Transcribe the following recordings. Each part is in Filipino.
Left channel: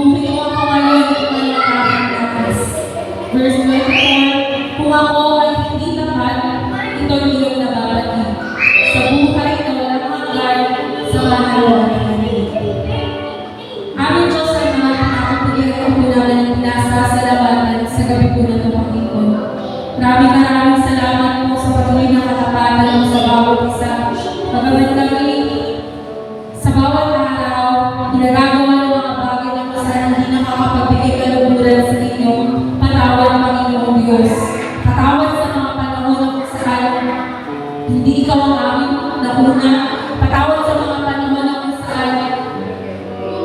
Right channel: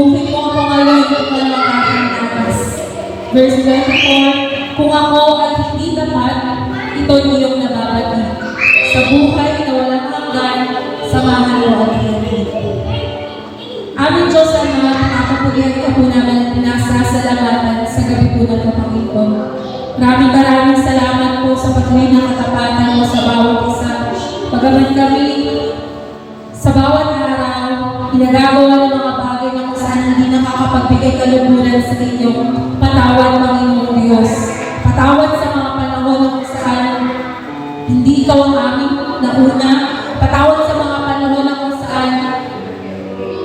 Buhay mo ako ngayon at malalakas. Verse 24, kung ako ay hindi tapat, ito'y iyong nababati. Sa buhay na walang hanggan, samahan mo ang iyong. Aming Diyos ay mga nakakapagyan ko po namin pinasasalamatan sa gabi po na ng Panginoon. Maraming salamat po sa patuloy na katapatan mo sa bawat isa. Magaman kami sa bawat araw, ginagawa ng mga bagay na kung saan hindi nakakapagbigay kaluluran sa inyo. Patawad, Panginoong Diyos. Patawad sa mga panahon na kung saan hindi ikaw ang aming nauna. Patawad sa mga panahon na kung saan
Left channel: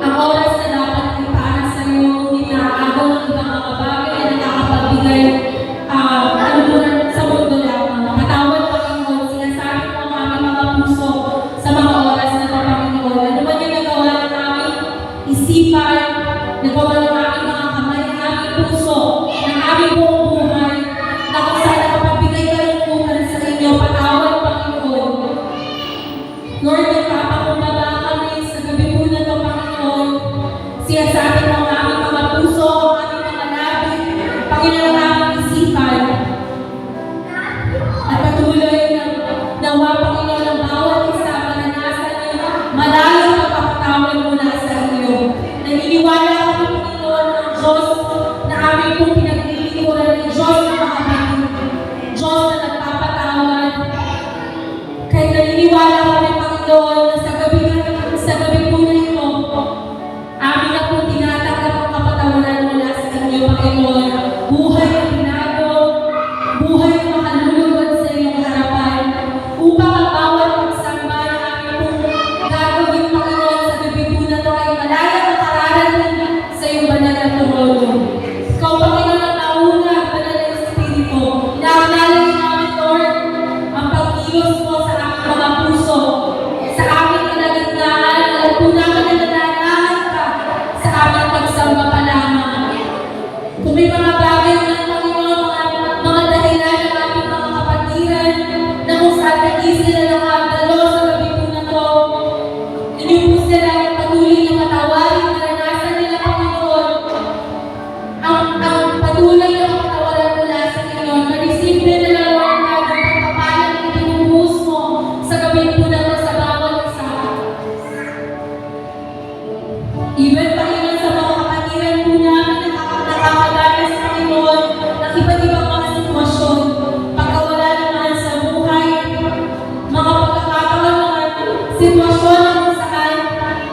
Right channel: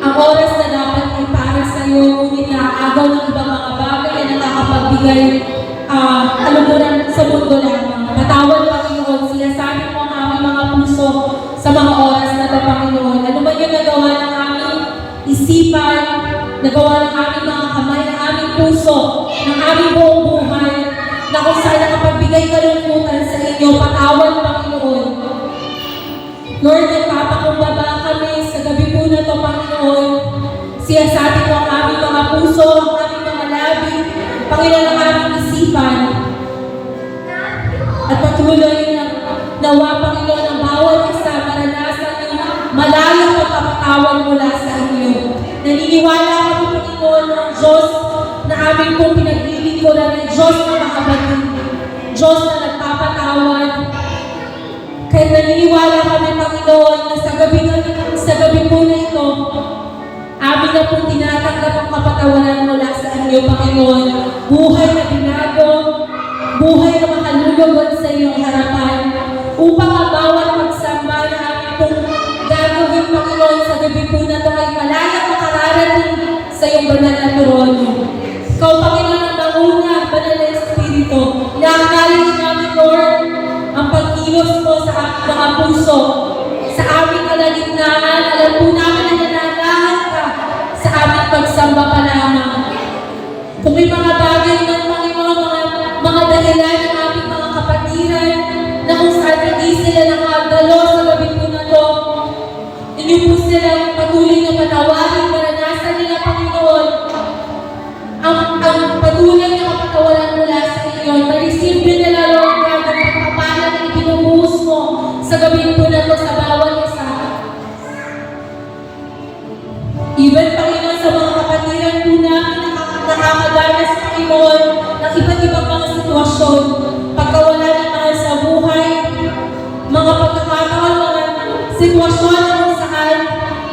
ang oras na dapat ay para sa iyo, ngunit naaagaw ng ibang mga bagay na nakakapagbigay kaluluran sa mundo lamang. Patawad, Panginoon, sinasabi mo ang aming mga puso sa mga oras na ito, Panginoon. Ano man yung nagawa ng aming isipan, nagawa ng aming mga kamay, ng aming puso, ng aming buong buhay, na kung saan nakapagbigay kalungkutan sa inyo, patawad, Panginoon. Lord, nagpapakumbaba kami sa gabi po na ito, Panginoon. Sinasabi mo ang aming mga puso, ang aming mga labi, Panginoon, ang aming isipan. At patuloy na nawa, Panginoon, ang bawat isa maranasan ng malayong pagkakatawad mula sa inyo. Naniniwala kami, Panginoon, ang Diyos na aming pong pinaglilingkuran ay Diyos na makabatid, Diyos na nagpapatawad. Kaya naniniwala kami, Panginoon, na sa gabi po na ito, amin na pong tinatanggap ang kapatawaran mula sa inyo, Panginoon. Buhay na binago, buhay na makalulugod sa iyong harapan, upang ang bawat pagsamba na amin pong gagawin, Panginoon, sa gabi po na ito ay malaya makararating sa iyong banal na trono. Ikaw, Panginoon, ang nauna, banal na Espiritu. Inaacknowledge namin, Lord, ang pagkilos mo sa aming mga puso, sa aming kalagitnaan. Alam po namin na nananahan ka sa aming pagsamba pa lamang. Kung may mga bagay man, Panginoon, mga dahilan ng ating mga kapatiran na kung saan hindi sila nakagalo sa gabi po na to, hindi po sila patuloy na patawarin, maranasan nila, Panginoon, ang patuloy na patawaran mula sa inyo, na-receive nila, Lord God, ang pagpapalang na ibinubuhos mo sa gabi po na to sa bawat isa. Even, Panginoon, sa mga kapatiran po namin nakakadanas, Panginoon, ng iba't ibang mga sitwasyon, pagkawala ng mahal sa buhay, mga pagkakataon, mga sitwasyon na kung saan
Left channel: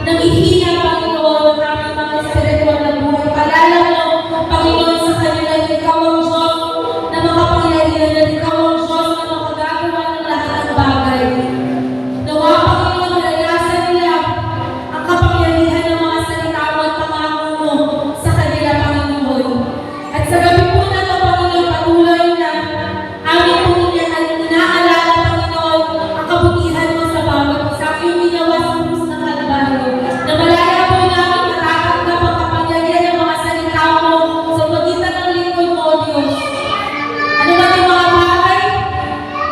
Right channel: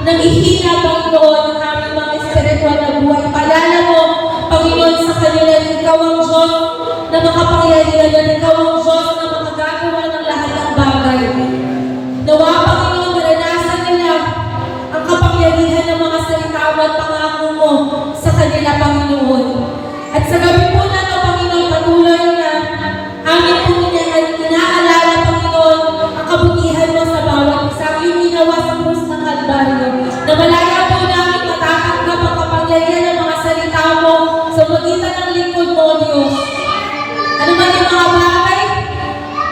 nangihina, Panginoon, ang aming mga espiritual na buhay. Palala mo, Panginoon, sa kanila na ikaw ang Diyos na makapangyarihan, na ikaw ang Diyos na makagagawa ng lahat ng bagay. Nawa, Panginoon, maranasan nila ang kapangyarihan ng mga salita mo at pangako mo sa kanila, Panginoon. At sa gabi po na ito, Panginoon, patuloy na aming po inaalala, Panginoon, ang kabutihan mo sa bawat isa. Ang iyong ginawa sa krus ng Kalbaryo. Na malaya po namin matatanggap ang kapangyarihan ng mga salita mo sa pagitan ng lingkod mo, Diyos. Ano man yung mga bagay,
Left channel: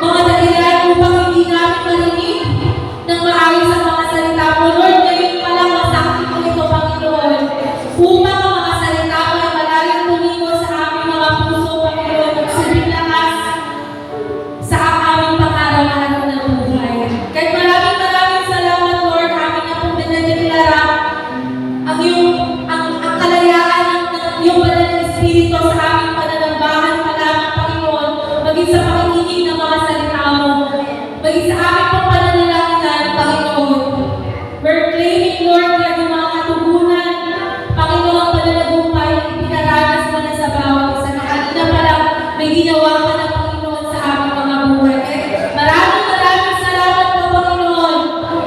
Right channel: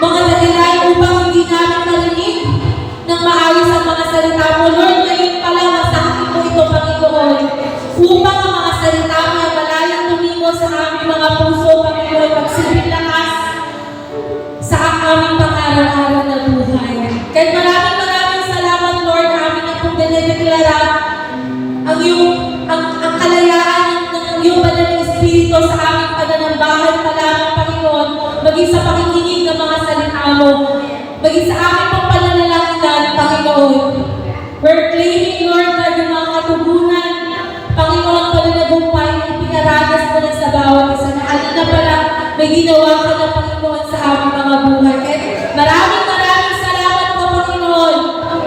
mga dahilan upang hindi namin marinig ng maayos ang mga salita mo, Lord, ngayon pa lang masakit mo ito, Panginoon. Upang ang mga salita mo ay malayang tumingo sa aming mga puso, Panginoon, magsilbing lakas sa aming pang-araw-araw na buhay. Kahit maraming salamat, Lord, amin na pong dinedeklara ang kalayaan ng iyong banal na Espiritu sa aming pananambahan pa lamang, Panginoon, maging sa pakikinig ng mga salita mo, maging sa aming pong pananalangin, Panginoon. We're claiming, Lord, na yung mga katugunan, Panginoon, pananagumpay na ipinaranas mo na sa bawat isa. Na kanina pa lang may ginawa ka na, Panginoon, sa aming mga buhay. Kaya maraming salamat po, Panginoon.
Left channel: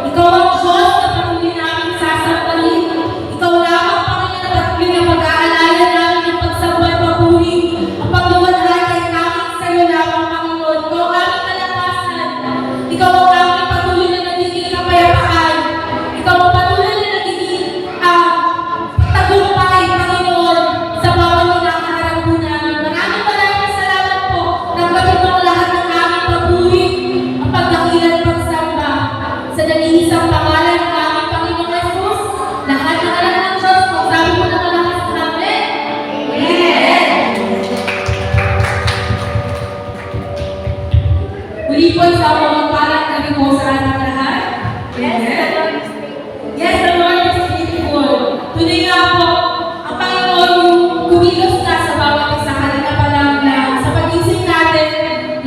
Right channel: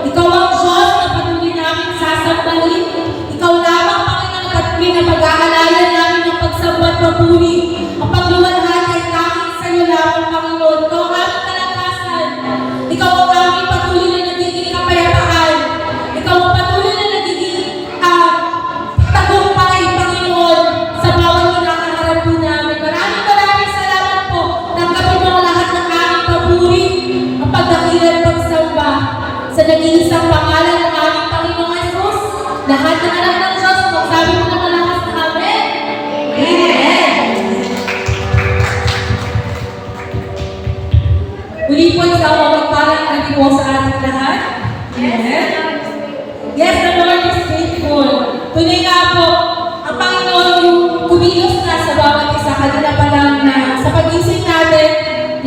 Ikaw ang Diyos na patuloy namin sasambahin. Ikaw lamang, Panginoon, at pinapag-aalayan namin ang pagsamba at papuri. Ang pagluwalhati ay tanging sa iyo lamang, Panginoon. Ikaw ang aming kalakasan. Ikaw ang aming patuloy na nagiging kapayapaan. Ikaw ang patuloy na nagiging tagumpay, Panginoon, sa bawat kinakaharap po namin. Maraming salamat po. Tanggapin mo ang lahat ng aming papuri, ang pagdakilan pagsamba sa nag-iisang pangalan ng aming Panginoong Jesus. Lahat ng alam ng Diyos, magsabi mo naman po isang mapagpalang gabi po sa ating lahat. Amen. Yes, the Lord is faithful. Tunay nga po, ang Panginoon yung kumilos na sa bawat isa. Kanina pa lang na sa pag-isip natin,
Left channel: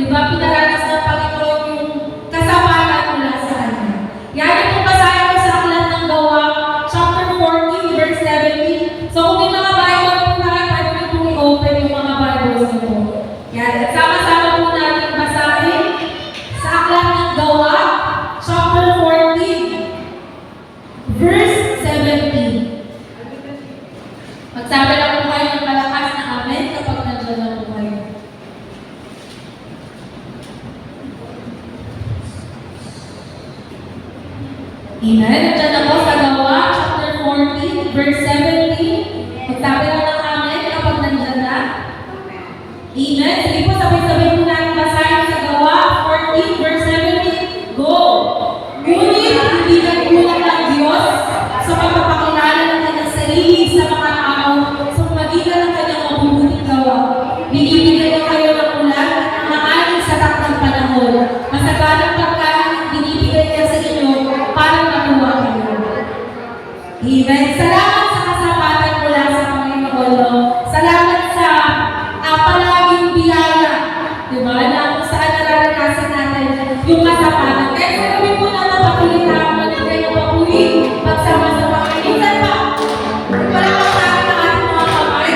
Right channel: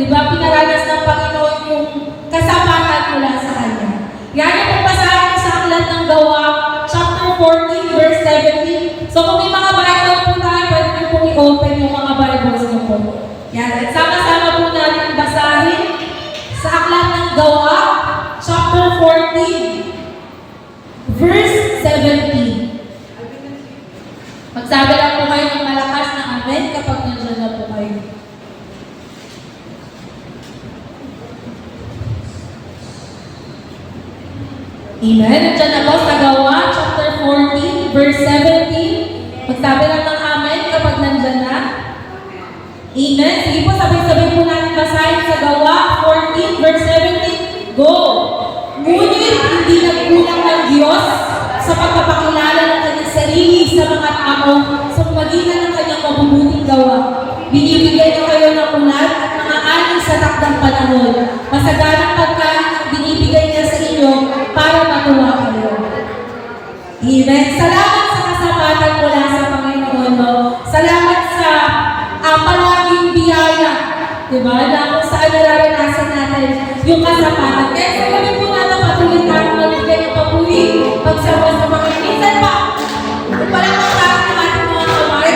di ba, pinaranas ng Panginoon yung kasapatan mula sa Kanya. Yan yung basahin ko sa aklat ng Gawa, chapter 14, verse 17. So kung may mga Bible po tayo, pwede niyo pong i-open yung mga Bibles niyo po. Yan, at sama-sama po natin basahin sa aklat ng Gawa, chapter 14, verse 17. Magsabi lang po kayo ng malakas na amen kapag nandiyan na po kayo. Amen. Nandiyan na po sa Gawa, chapter 14, verse 17. Magsabi lang ng amen kapag nandiyan na. Amen. Sige po, sabay-sabay po natin basahin sa Gawa 14, verse 17. Go! Ngunit hindi nagkulang ng Diyos sa pagpapakilala ng kanyang sarili sa mga tao sa magitan ng kanyang mabubuting gawa. Binibigyan niyo kayo ng ulan at mga aning sa takdang panahon. Masaganang pagkain ang binibigay niya sa inyo para matuwa kayo. Amen. Salamat sa kasapatan mula sa Panginoon. Salamat sa palaging biyaya. Diba? Na kung saan nararanasan natin yung kasapatan. Kaya sa gabi po natin patuloy na ako magbigay ng papuri pagsama sa Panginoon. Minsan pa, palakpak natin ang ating mga kamay.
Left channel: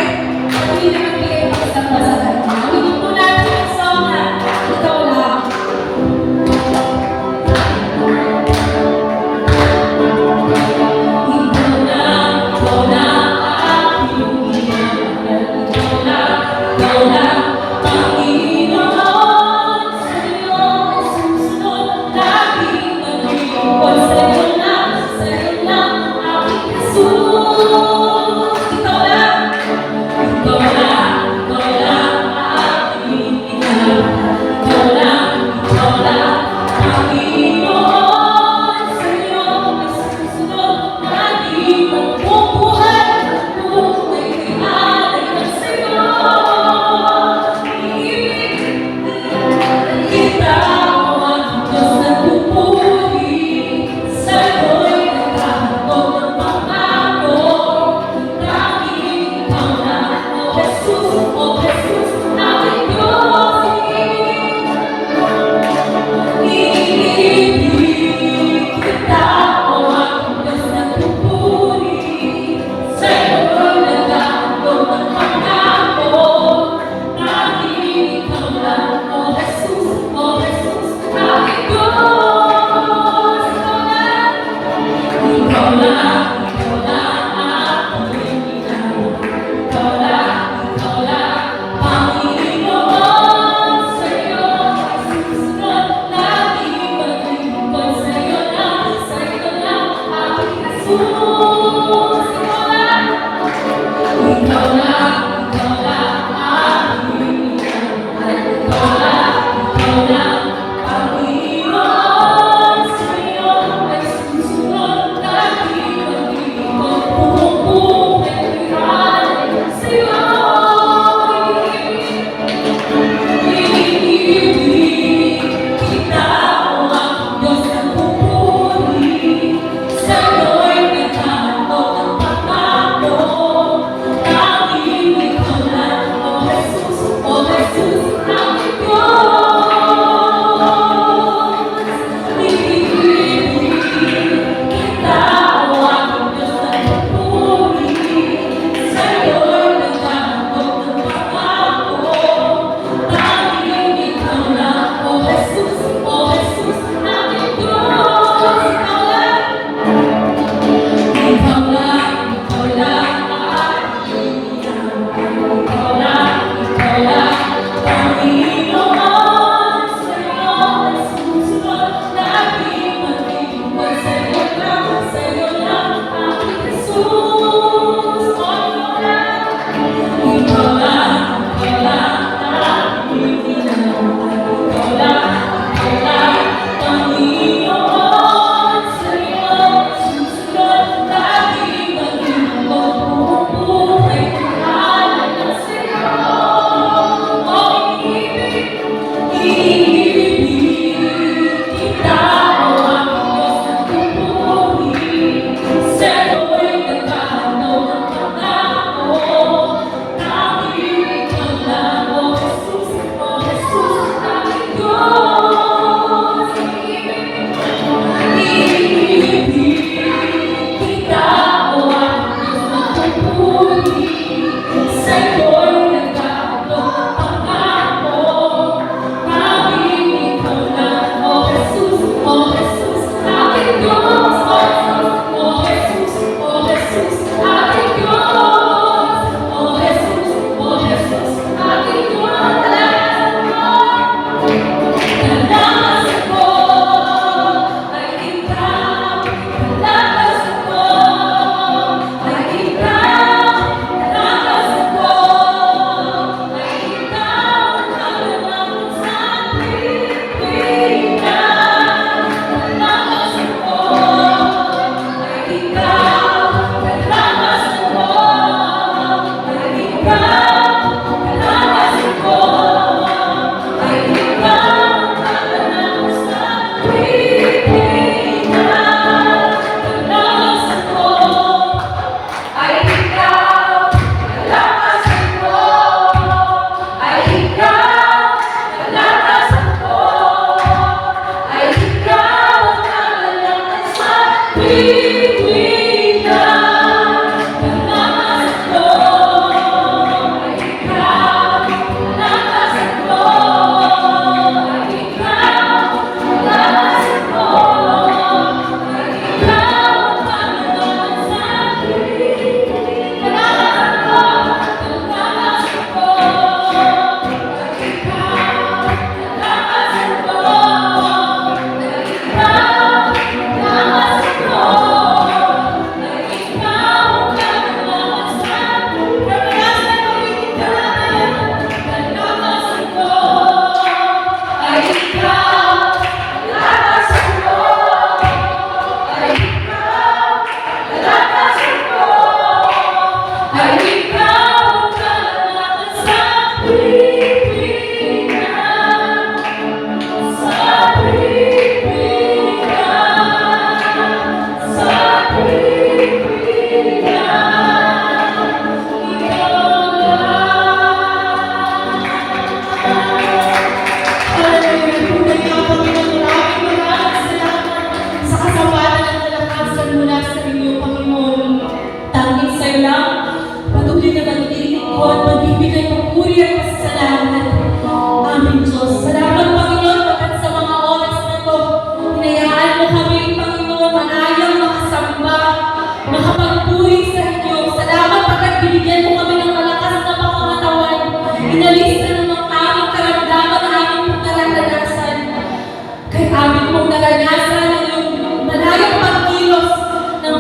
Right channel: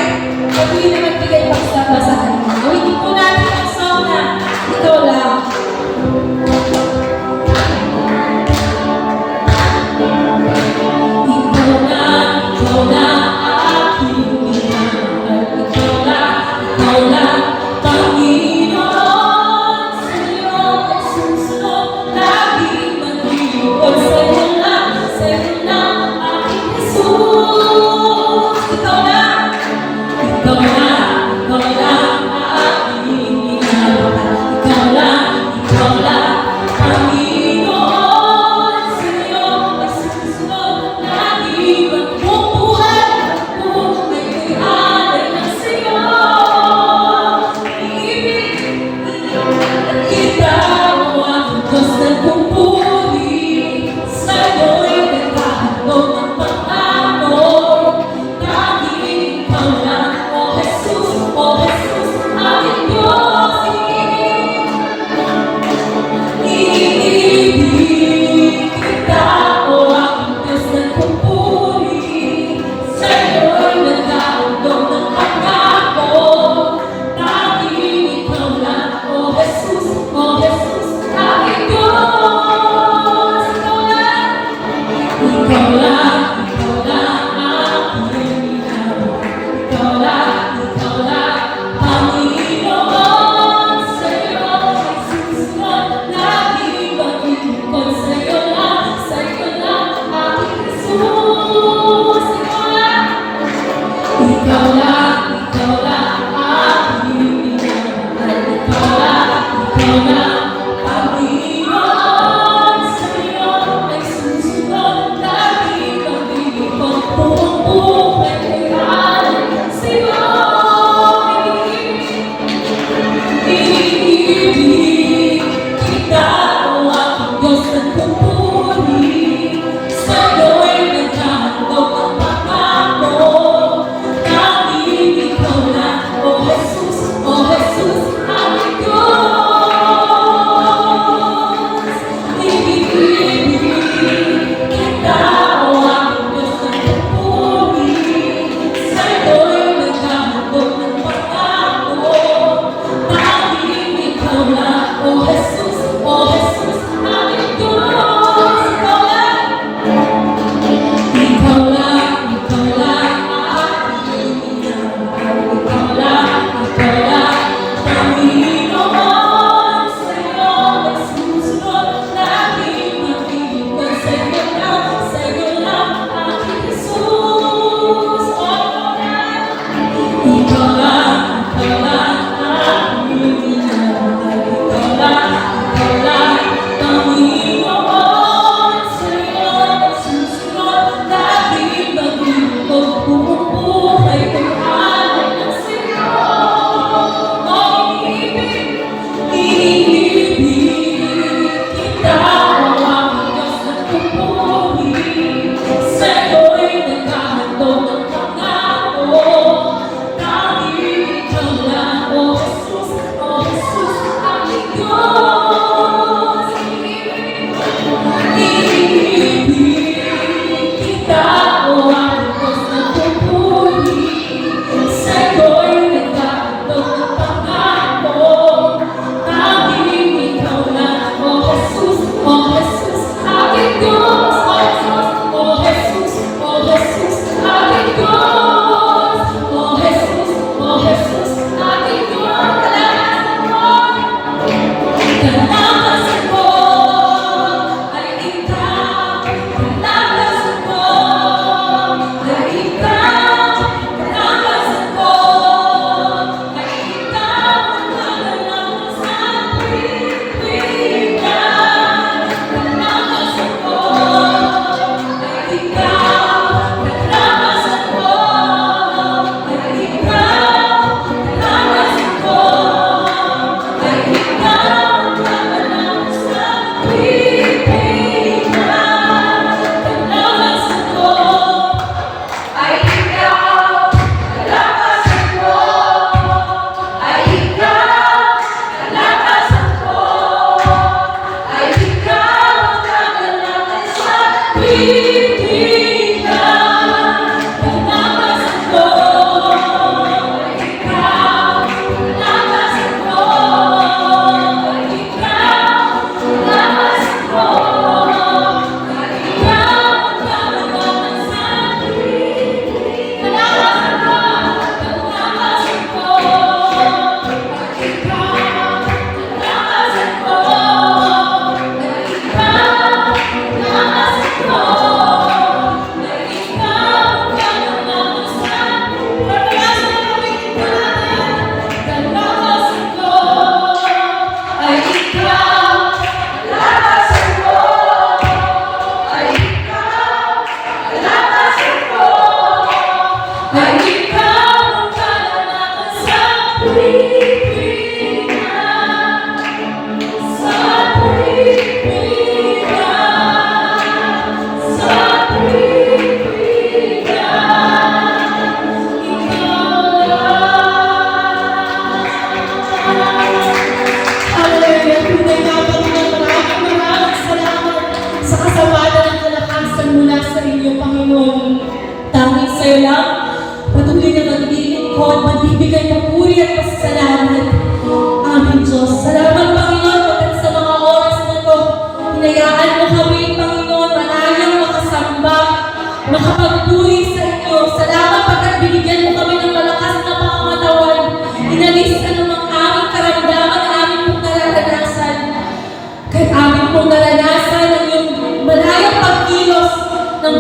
Patuloy na magbigay pagsama sa Kanya. Awin po natin ang song na ikaw lang. Ikaw lang aking minamahal. Ikaw lang, Panginoon. Sa iyong susunod, laging maglilingkod. Sa iyo lang aking Jesus. Ikaw lang aking minamahal. Ikaw lang, Panginoon. Sa iyong susunod, laging magbubuhay ay alay ng sa'yo. Kita mo ang Diyos na pupuri sa Diyos, oh Jesus, oh Jesus, ating Diyos, oh Jesus, oh Jesus, ating Diyos, kalakasan ko ay ikaw, kalakasan ko ay ikaw, kalakasan ko ay ikaw, kalakasan sa pagpipilitan, kalakasan ko ay ikaw, kalakasan ko ay ikaw, kalakasan ko ay ikaw, kalakasan sa pagpipilitan, kalakasan ko ay ikaw, kalakasan ko ay ikaw, kalakasan ko ay ikaw, kalakasan sa pagpipilitan, kalakasan ko ay ikaw, kalakasan ko ay ikaw, kalakasan ko ay ikaw, kalakasan sa pagpipilitan, kalakasan ko, kalakasan ko ay ikaw, kalakasan ko ay ikaw, kalakasan ko ay ikaw, kalakasan sa kalakasan ulitin ko natin, kalakasan ko ay ikaw, kalakasan ko ay ikaw, kalakasan ko ay ikaw, kalakasan sa pagpipilitan, sa pagpipilitan, sa pagpipilitan, Hallelujah! Tunay nga, Panginoon, maraming salamat sa kasabatan ng kalakasan mula sa iyo, Panginoon. Tanging sa'yo lang, patuloy na maglilingkod, magbibigay papuri at pasasalamat. Aming Diyos. Salamat, Panginoon, pagkat sa mga oras na to, hinayaan mo kami, Panginoon, manayang makasamba, makapagpuri sa inyo. Salamat pagkat binigyan mo kami ng malakas na pangangatawan. Inalis na ng aming karamdaman na aming pong nararanasan. Kaya aming pong naranasan ang iyong malayang pagkilos ng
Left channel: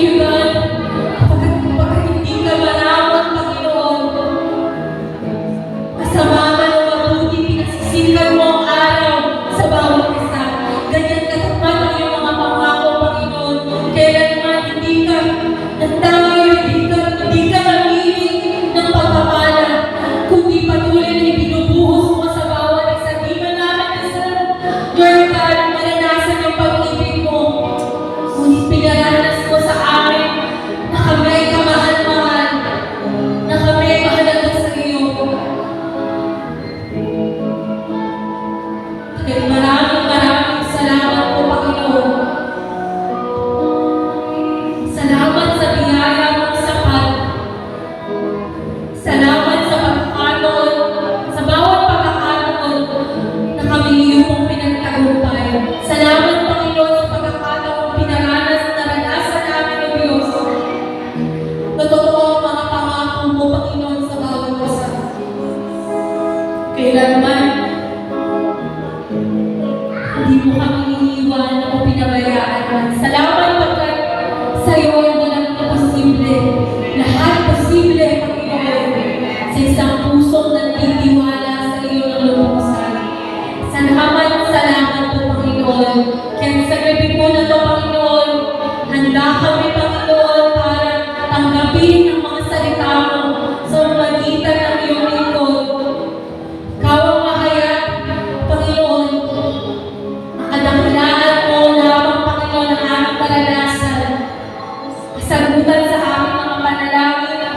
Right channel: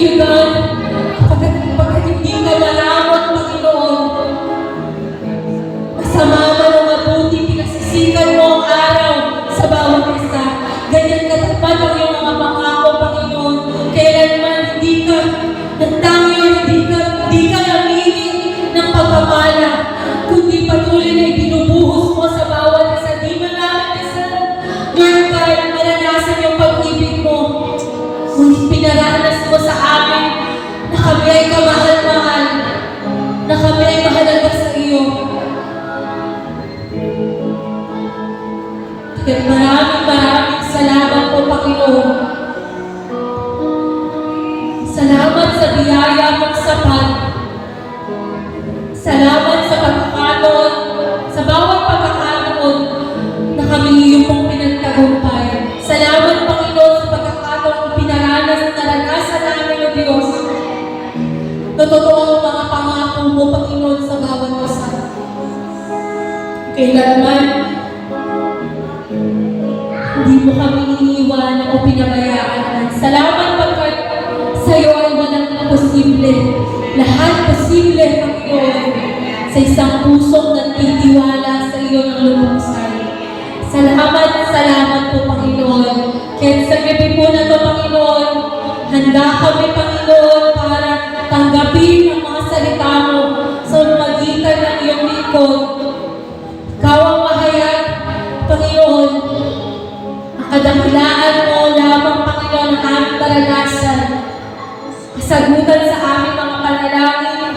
Thank you, God. Pagkat hindi ka malawat, Panginoon, masama man o mabuti, pinagsisikan mo ang araw sa bawat isa. Ganyan katapat ang iyong mga pangako, Panginoon. Kailanman hindi ka nagtayo, hindi ka namili ng pagpapala, kundi patuloy na ibinubuhos mo sa bawat isa. Di ba namin isa, Lord God, maranasan yung pag-ibig mo. Ngunit pinaranas mo sa amin na kami ay kamahal-mahal, na kami ay mahalaga sa iyo. Kaya maraming salamat po, Panginoon. Salamat sa biyaya mong sapat. Salamat sa pagkakataon, sa bawat pagkakataon na kami iyong pinagtagumpay. Salamat, Panginoon, sa pagkakataon pinaranas, naranasan namin ng Diyos. Na totoo mga pangako mo, Panginoon, sa bawat isa. Kailanman, hindi mo kami iniiwan o pinabayaan. Salamat pagkat sa iyo ay walang imposible. Lahat posible, Panginoon, sa isang pusong nagtitiwala sa iyo ng lubusan. Salamat po, Panginoon. Kaya sa gabi po na ito, Panginoon, handa kami, Panginoon, para tanggapin ang mga salita mo sa magitan ng iyong lingkod. Ikaw ang mahayag, Panginoon. Kadakilaan mo lamang, Panginoon, ang aming karanasan. Kasagutan sa aming mga panalangin.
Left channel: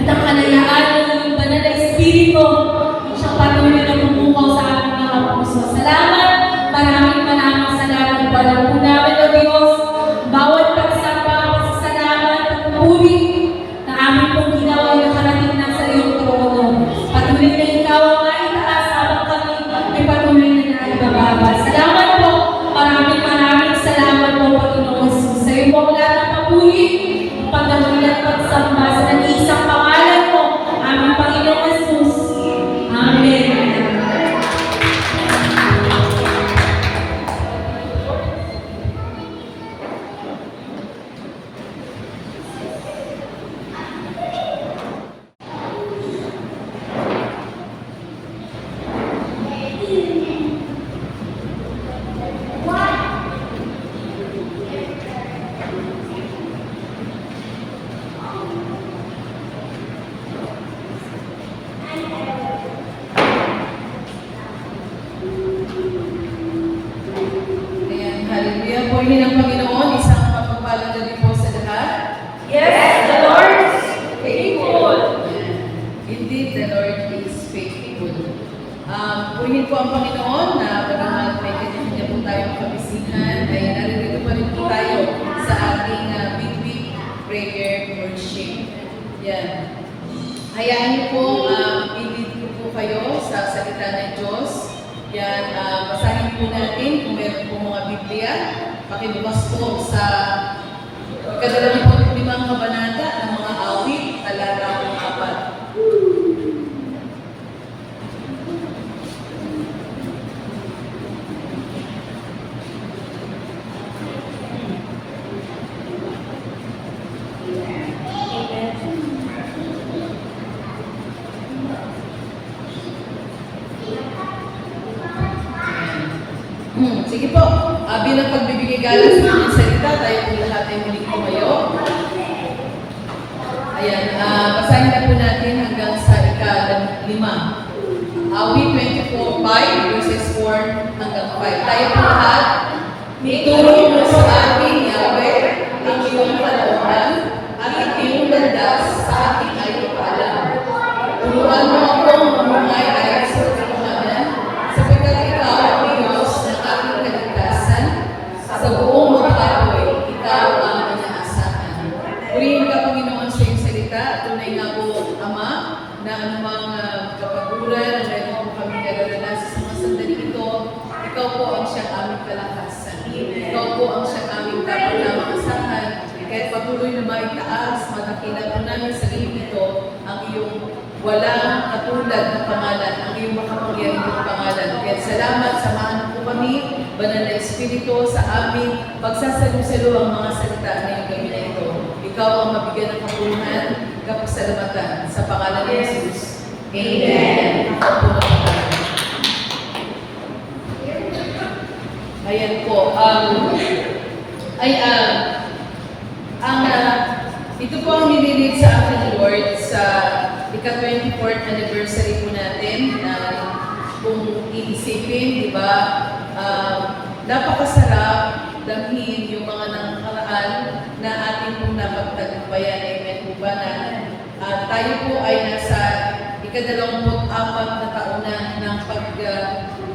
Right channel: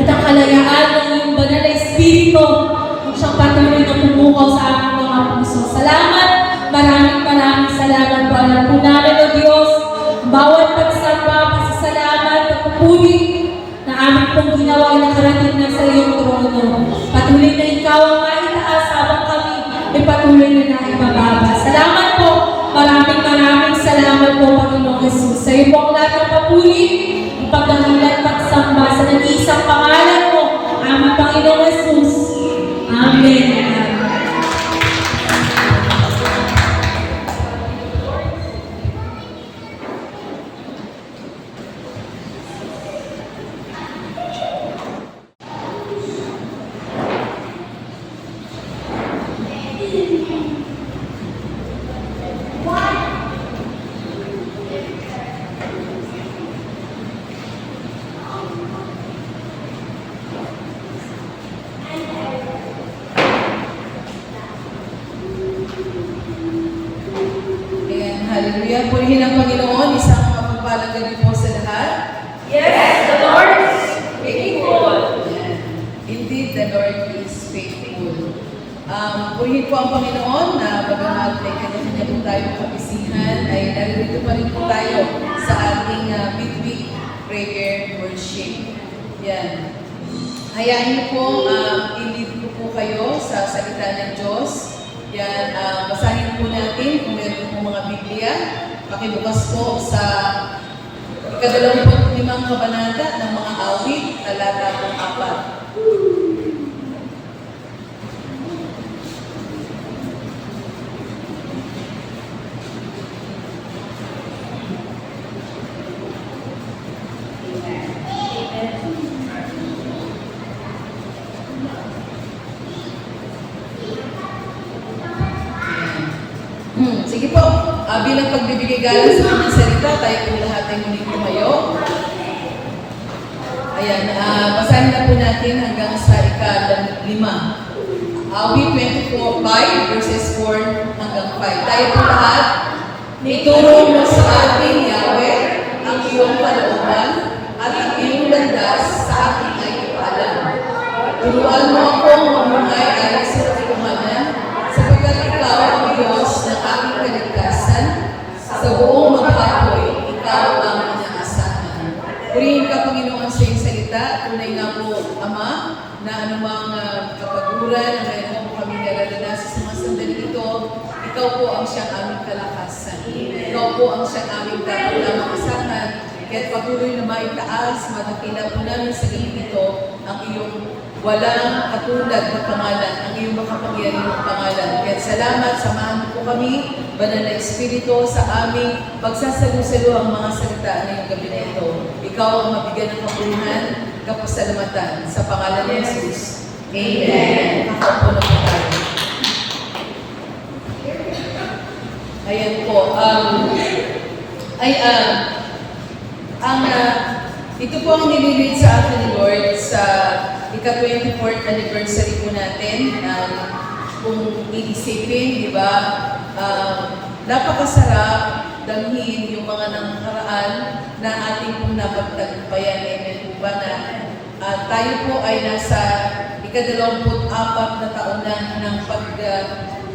At ang kalayaan ng iyong banal na Espiritu siyang patuloy na bumukaw sa aming mga puso. Salamat, maraming salamat. Para po namin o Diyos, bawat pagsamba, pasasalamat, pagpupuri na aming pong ginawa na karating na sa iyong trono. Patuloy na ikaw ang maitaas habang kami ay patuloy na naibababa. Salamat po, maraming salamat po, Panginoon Jesus. Sa iyo po ang lahat ng papuri, pagdating at pagsamba sa nag-iisang pangalan mo, aming Panginoon Jesus. Amen. Ayan, hallelujah. Purihin ang Panginoon, isang mapagpalang gabi po sa lahat. Yes, the Lord is faithful. Ayan. Indeed, the Lord is faithful. Purihin po ang Panginoon na bagamat may kanya-kanya po tayong kabisihan, ay naririto pa rin po tayo sa ating midweek prayer worship. Yan. Hayaan niyo po, i-lead ko po kayo sa salita ng Diyos. Yan, basahin po natin kung meron po mga Biblia. Pakibukas po sa ika-25 kabanata ng mga awit, talata po 4. Sige po, bilang pagbibigay galang sa kanyang salita, tayo po lahat ay muling tumayo. Ayan, basahin na po natin hanggang sa ika-5. Awit 24:5 verses 4 hanggang 5. Tayo po lahat, ituro mo sa akin, Yahweh, ang iyong kalooban at ang iyong landas sa akin ay ipaalam. Turuan mo akong mamungay ayon sa katotohanan, sapagkat ikaw ang Diyos ng aking kaligtasan. Sa buong maghapoy, ikaw ang inaasahan. Purihin ka, Panginoon, sa iyong salita. Tunay nga po, Ama, na anumang kapaguran na mayroon po kami nararanasan sa mga sandali ito, ikaw po ang siyang aming kalakasan. Ikaw po ang siyang aming dapat lamang asahan. Kaya't patuloy na maitaas, madakila po namin sa galing ito ang iyong walang katulad na pangalan, ang iyong makapangyarihang pangalan. Kaya salamat, samahan po kami Banal na Espiritu, sa aming pagsasalo-salo ang mga salita ngayong gabi na ito. Ikaw ang mabigyan ng kapuluhan, kapasalamatan. Sa pangalan ni Jesus. Amen. Nakaupo na po tayo. Ayan po. Ito po ang nililid sa akin ni Lord sa ika-24th anniversary po natin. Kung iisipin, di ba, napakasarap damhin yung mga nangkaraan na ating pong napagtagumpayan. Amen po ba na tayo po ay nasa ika-24 na taon na ng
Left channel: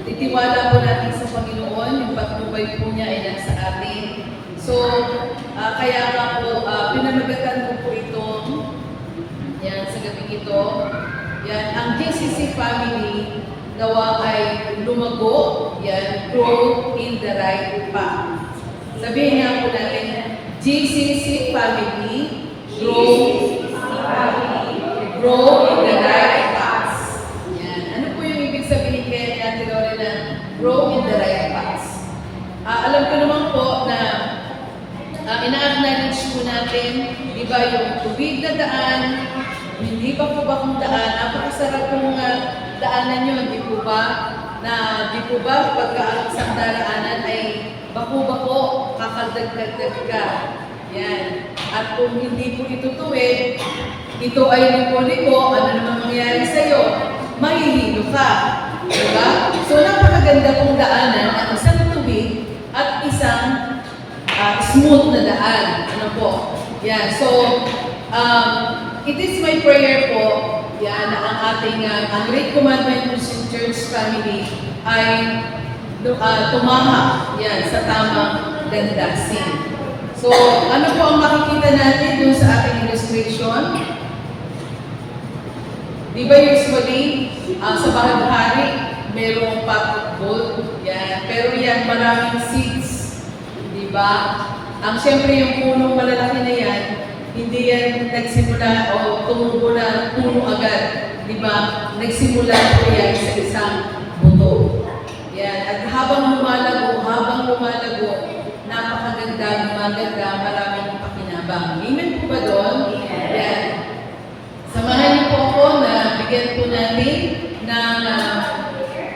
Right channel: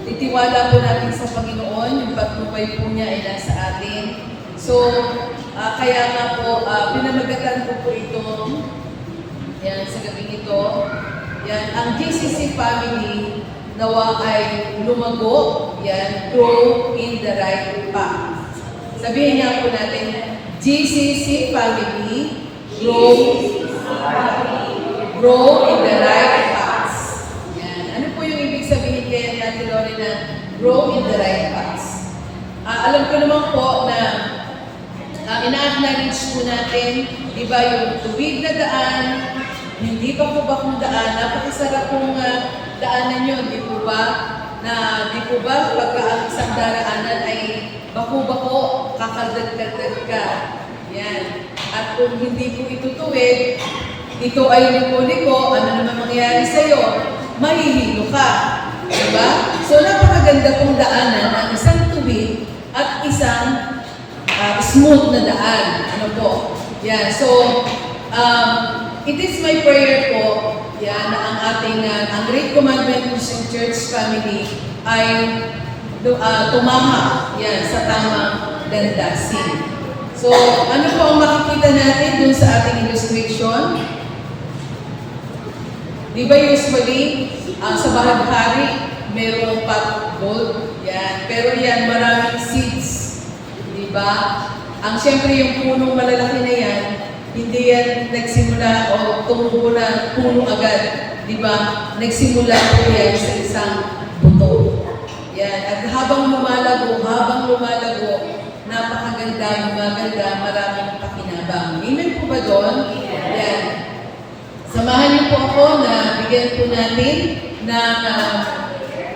titiwala po natin sa Panginoon, yung pagtubay po niya ay nasa atin. So, kaya nga po, pinamagatan ko po ito, yan, sa gabing ito. Yan, ang GCC family, nawa ay lumago, yan, grow in the right path. Sabihin nga po natin, GCC family, grow in the right path. Yan. Ano po yung ibig sabihin kaya ni Ate Lorena, grow in the right path? Alam ko naman po na ina-acknowledge po natin, di ba, yung tuwid na daan, hindi pa po ba kung daan, napakasarap pong daanan yun, di po ba? Na di po ba, pagka ang isang daraanan ay bako-bako, kakaldagdag ka. Yan. At kung hindi po ito tuwid, ito ay liko-liko, ano naman mangyayari sa'yo? Mahihilo ka. Diba? So, napakaganda pong daanan ang isang tuwid at isang smooth na daan. Ano po? Yan. So, it is my prayer po, yan, na ang ating, ang Great Commandment Christian Church family ay tumahak yan, sa tamang landasin. So, ano po ang makikita natin dun sa ating illustration? Di ba usually, sa bahaghari, mayroong pot gold, yan. Pero yan, maraming seeds. Di ba? Ang siyempre yung punong malalaki na yan, hindi yan nagsimula o tumubo na puno agad. Di ba? Nagsimula po yan sa isang buto. Yan. At habang lumalago, napakaganda, maganda, maraming pakinabang. Amen po ba doon? Yan. Samahan niyo po ako na bigyan po natin ng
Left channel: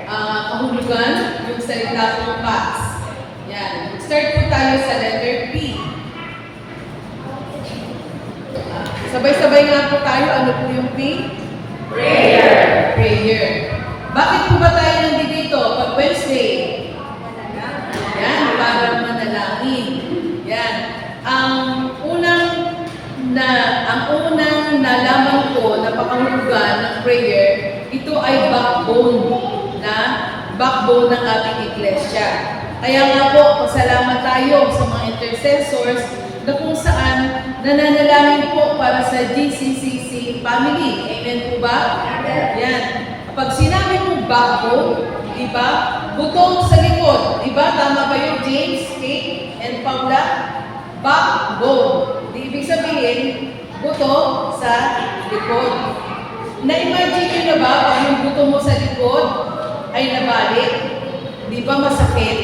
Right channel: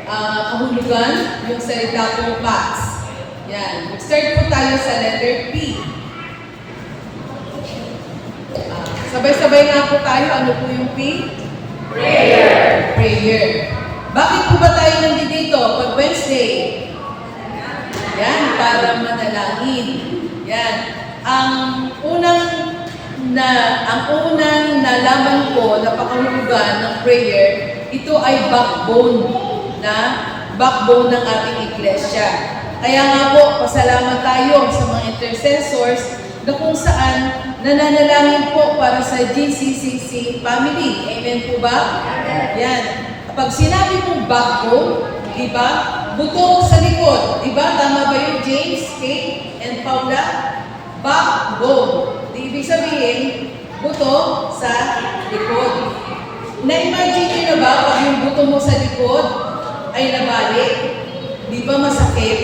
kahulugan yung salita pong pax. Yan. Mag-start po tayo sa letter P. Sabay-sabay nga po tayo. Ano po yung P? Prayer. Prayer. Bakit po ba tayo nandito pag Wednesday? Yan, para manalangin. Yan. Ang unang nalaman ko na pakahulugan ng prayer, ito ay backbone ng ating iglesia. Kaya nga po, pasalamat tayo sa mga intercessors na kung saan nananalangin po para sa GCCC family. Amen po ba? Yan. Kapag sinabi mong backbone, diba? Buto sa likod. Diba? Tama ba yun, James, Kate, and Paula? Backbone. Ibig sabihin, buto sa likod. Na-imagine nyo na ba pag yung buto mo sa likod ay nabalik? Di ba masakit?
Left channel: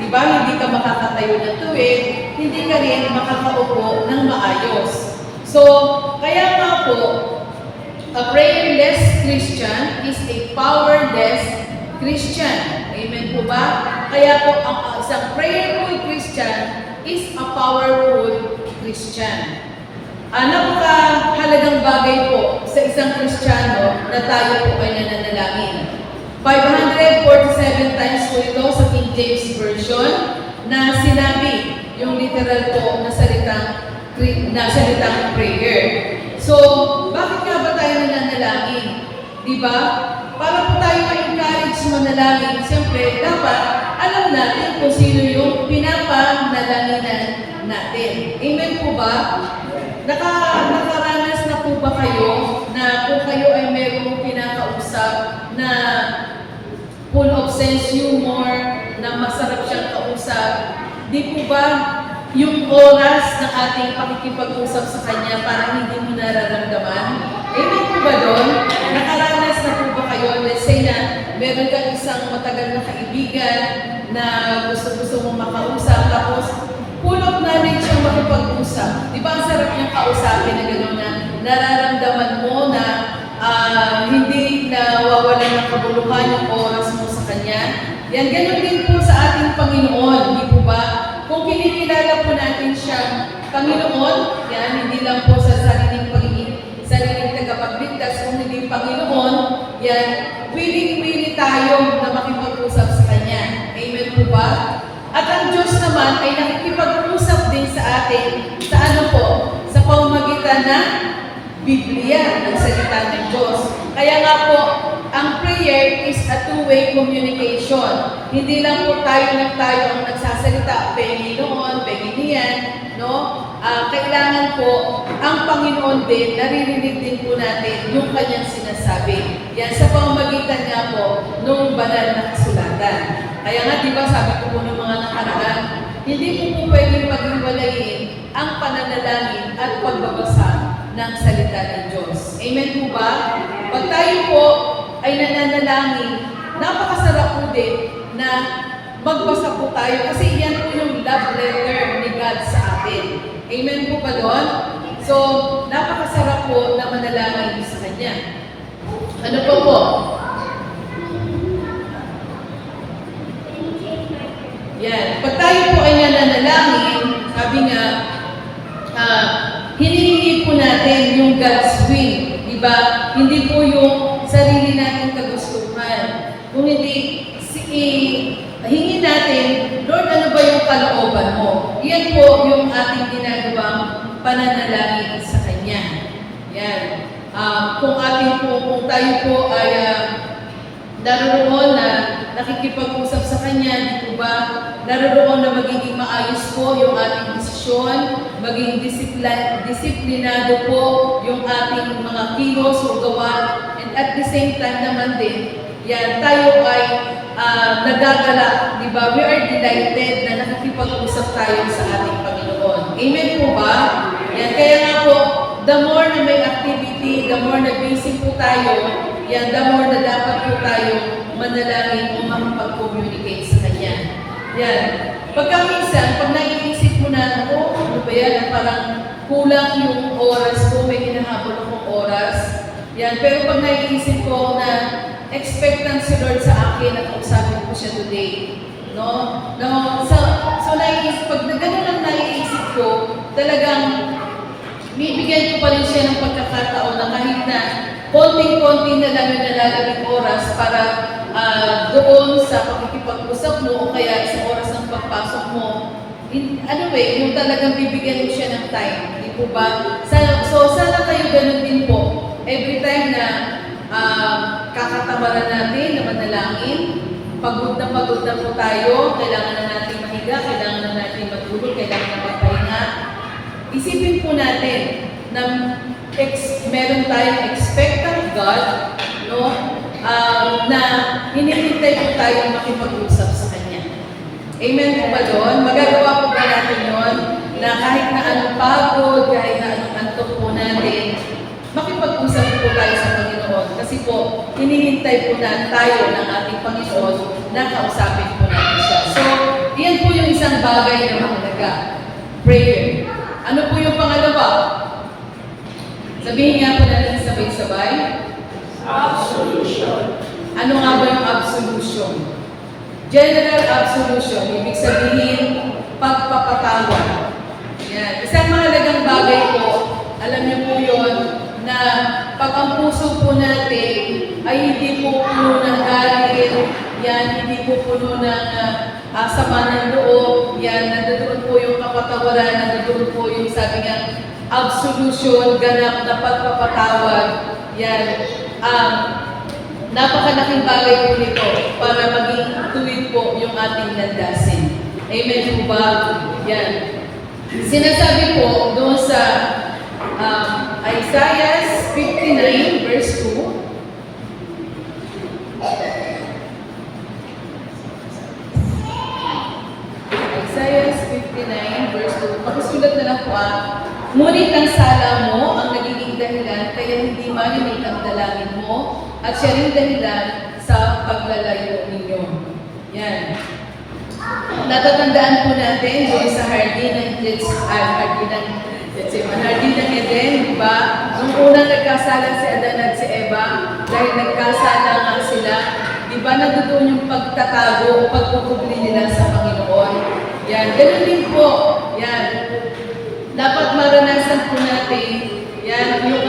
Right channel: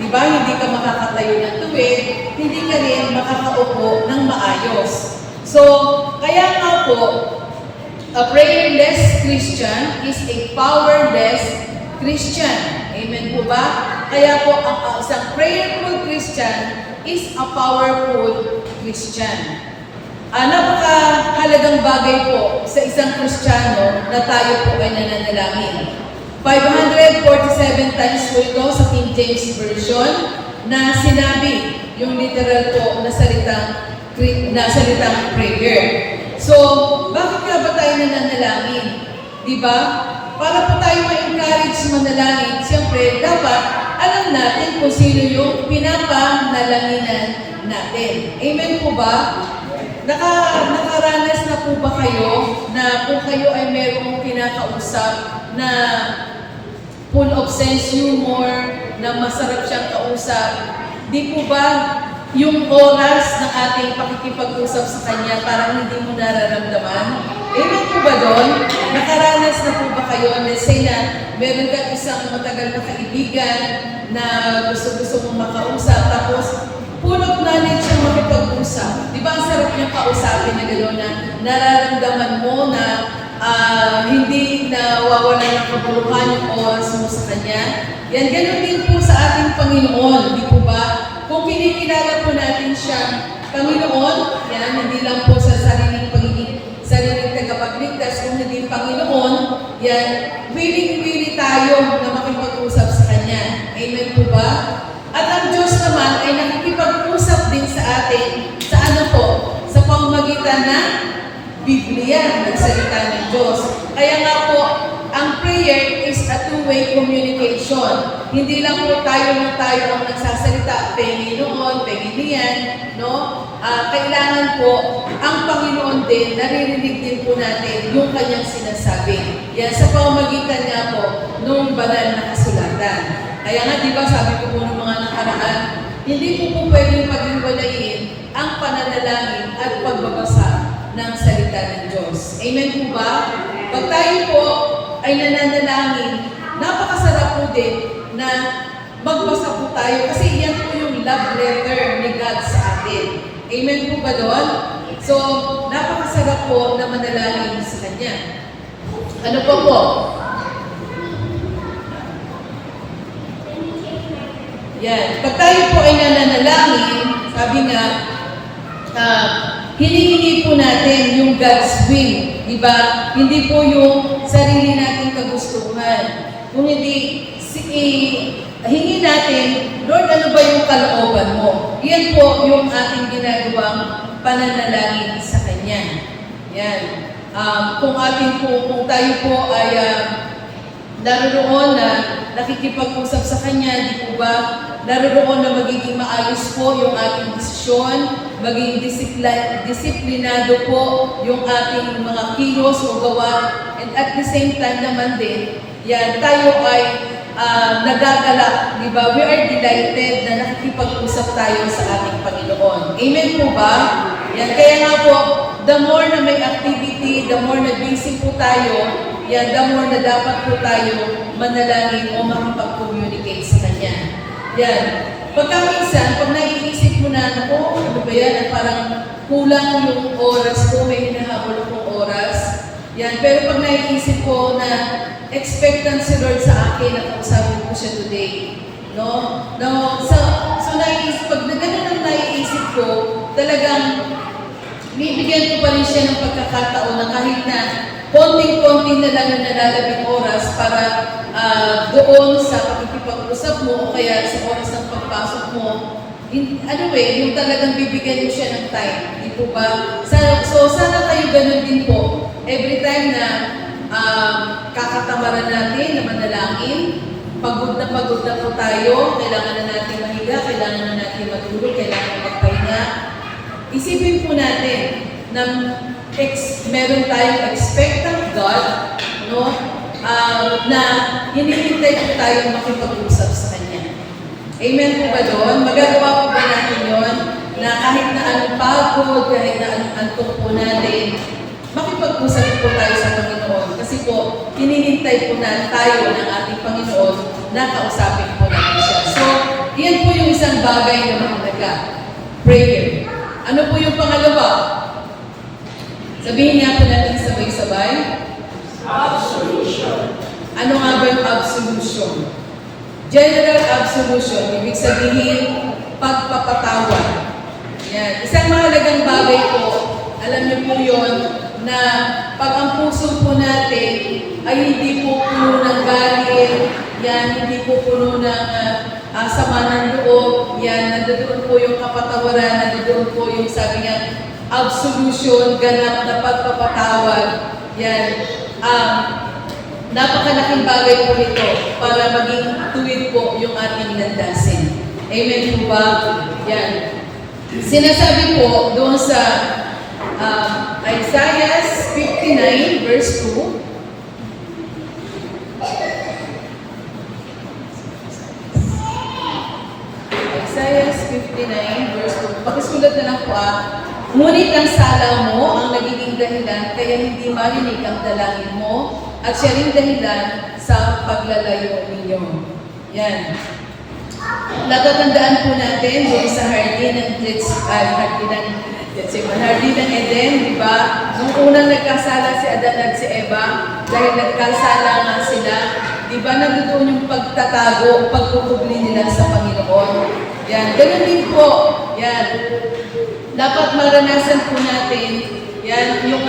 Di ba hindi ka makakatayo ng tuwid? Hindi ka rin makakaupo ng maayos. So, kaya nga po, a prayerless Christian is a powerless Christian. Amen po ba? Kaya po, ang isang prayerful Christian is a powerful Christian. Napakahalagang bagay po sa isang Kristiyano na tayo po ay nananalangin. 547 times po ito sa King James Version na sinabi yung literal po na salitang prayer. So, bakit nga ba tayo nananalangin? Diba? Para po tayo ma-encourage manalangin, siyempre, dapat alam natin kung sino yung pinapanalanginan natin. Amen po ba? Nakaranas na po ba kayo na kung kayo ay merong kinakausap na full of sense humor, na masarap siyang kausap, di po ba yung oras ng ating pakikipag-usap sa kanya parang hindi mo nararamdaman? Amen po ba doon? Nakaranas na po ba kayo? Let's say na meron kang isang matagal na kaibigan na gusto-gusto mong makausap, tapos full of knowledge ang makipag-usap. Di ba ang sarap niyang kausapin na gano'n na nararamdaman mo na hindi nawawalan ng kabuluhan yung oras mo sa Kanya? Yan, gano'n din po sa ating Panginoon, di po ba? Kung kinikilala po natin siyang Panginoon, yan, hindi lang po sa sariling tagapagligtas, kung hindi Panginoon, yan, willing-willing tayo na makipag-usap sa Kanya. Amen po ba? At ang Diyos naman ay nakikipag-usap din sa atin, sa ano po? Sa pamamagitan ng Biblia, ng salita ng Diyos. Kaya nga po, ang prayer is a two-way communication. Hindi lang po tayo ang nagsasalita, Panginoon, Panginoon, no? Kailangan po, ang Panginoon din, naririnig din po natin yung kanyang sinasabi. Yan, sa pamamagitan nga po, nung banal na kasulatan. Kaya nga, di ba, sabi ko po ng mga nakaraan, hindi po pwedeng paghiwalayin ang pananalangin at pagbabasa ng salita ng Diyos. Amen po ba? Pag tayo po ay nananalangin, napakasarap po din na magbasa po tayo kasi yan po yung love letter ni God sa atin. Amen po ba doon? So, napakasarap po na manalangin sa Kanya. Ano pa po? Yan. Pag tayo po ay nananalangin, sabi nga, hinihingi po natin yung God's will. Diba? Hindi po yung sarili nating kagustuhan. Kung hindi, hingi natin, Lord, ano ba yung kalooban mo? Yan po yung ating ginagawang pananalangin sa Kanya. Yan. Kung tayo po ay naroon na nakikipag-usap sa Kanya, di po ba? Naroon na magiging maayos po yung ating desisyon, maging disiplinado po yung ating mga kilos o gawa, and at the same time naman din, yan, tayo ay nagagala, di ba? We are delighted na nakikipag-usap tayo sa ating Panginoon. Amen po ba? Yan, kaya nga po, the more na may activity, the more na busy po tayo, yan, the more na dapat po tayo manalangin o makapag-communicate sa Kanya. Yan. Pagka minsan, pag naiisip mo na, ano ba yan, parang kulang yung oras ko, may hinahabol akong oras. Yan. Pero pag naiisip ko na expectant si Lord sa akin at kausapin ko siya today. No? So naiisip, pag ganun ang naiisip ko, talagang bibigyan ko pa rin siya ng pagkakataon na kahit na konting-konti na lang yung nalalabing oras para doon sa pakikipag-usap mo o kaya sa oras ng pagpasok mo, yung talagang bibigyan mo siya ng time. Di po ba? So sana kayo ganun din po. Every time na kakatamaran natin na manalangin, pagod na po tayo, kailangan na natin mahiga, kailangan na natin matulog, kailangan na magpahinga. Isipin po natin na meron tayong expectant God, no? Na hinihintay po tayo makipag-usap sa Kanya. Amen po ba doon? Magagawa po ba natin yun? Na kahit na anong pagod, kahit na anong antok po natin, makipag-usap po tayo sa Panginoon. Kasi po, hinihintay po na tayo ng ating Panginoon na kausapin po natin siya. So, yan po yung isang bagay na mahalaga. Prayer. Ano po yung pangalawa? Sabihin nga po natin sabay-sabay. Absolution. Ano nga ba yung absolution? General absolution. Ibig sabihin, pagpapatawad. Yan. Isang mahalagang bagay po, alam niyo po yun, na pag ang puso po natin ay hindi po puno ng galit, yan, hindi po puno ng sama ng loob, yan, nandoon po yung kapatawaran, nandoon po yung sabi nga, absolution, ganap na pagpapatawad, yan, napakalaking bagay po nito para maging tuwid po yung ating landasin. Amen po ba? Yan. Sinasabi po doon sa Isaiah 59 verse 2. Isaiah 59 verse 2. Pakisulat na lang po Ngunit ang sala mo ang nagiging maging dahilan kaya hindi marinig ang dalangin mo at siya rin dahilan sa paglalayo ninyo. Yan. Natatandaan po natin doon sa Hardin ng Eden, di ba? Nung unang nagkasala si Adan at si Eva, dahil nagkasala nga sila, di ba nandoon yung pagtatago, pagkukubli nila sa Panginoon? Yan, ganun din po. Yan. Dapat maranasan po natin, yan, yung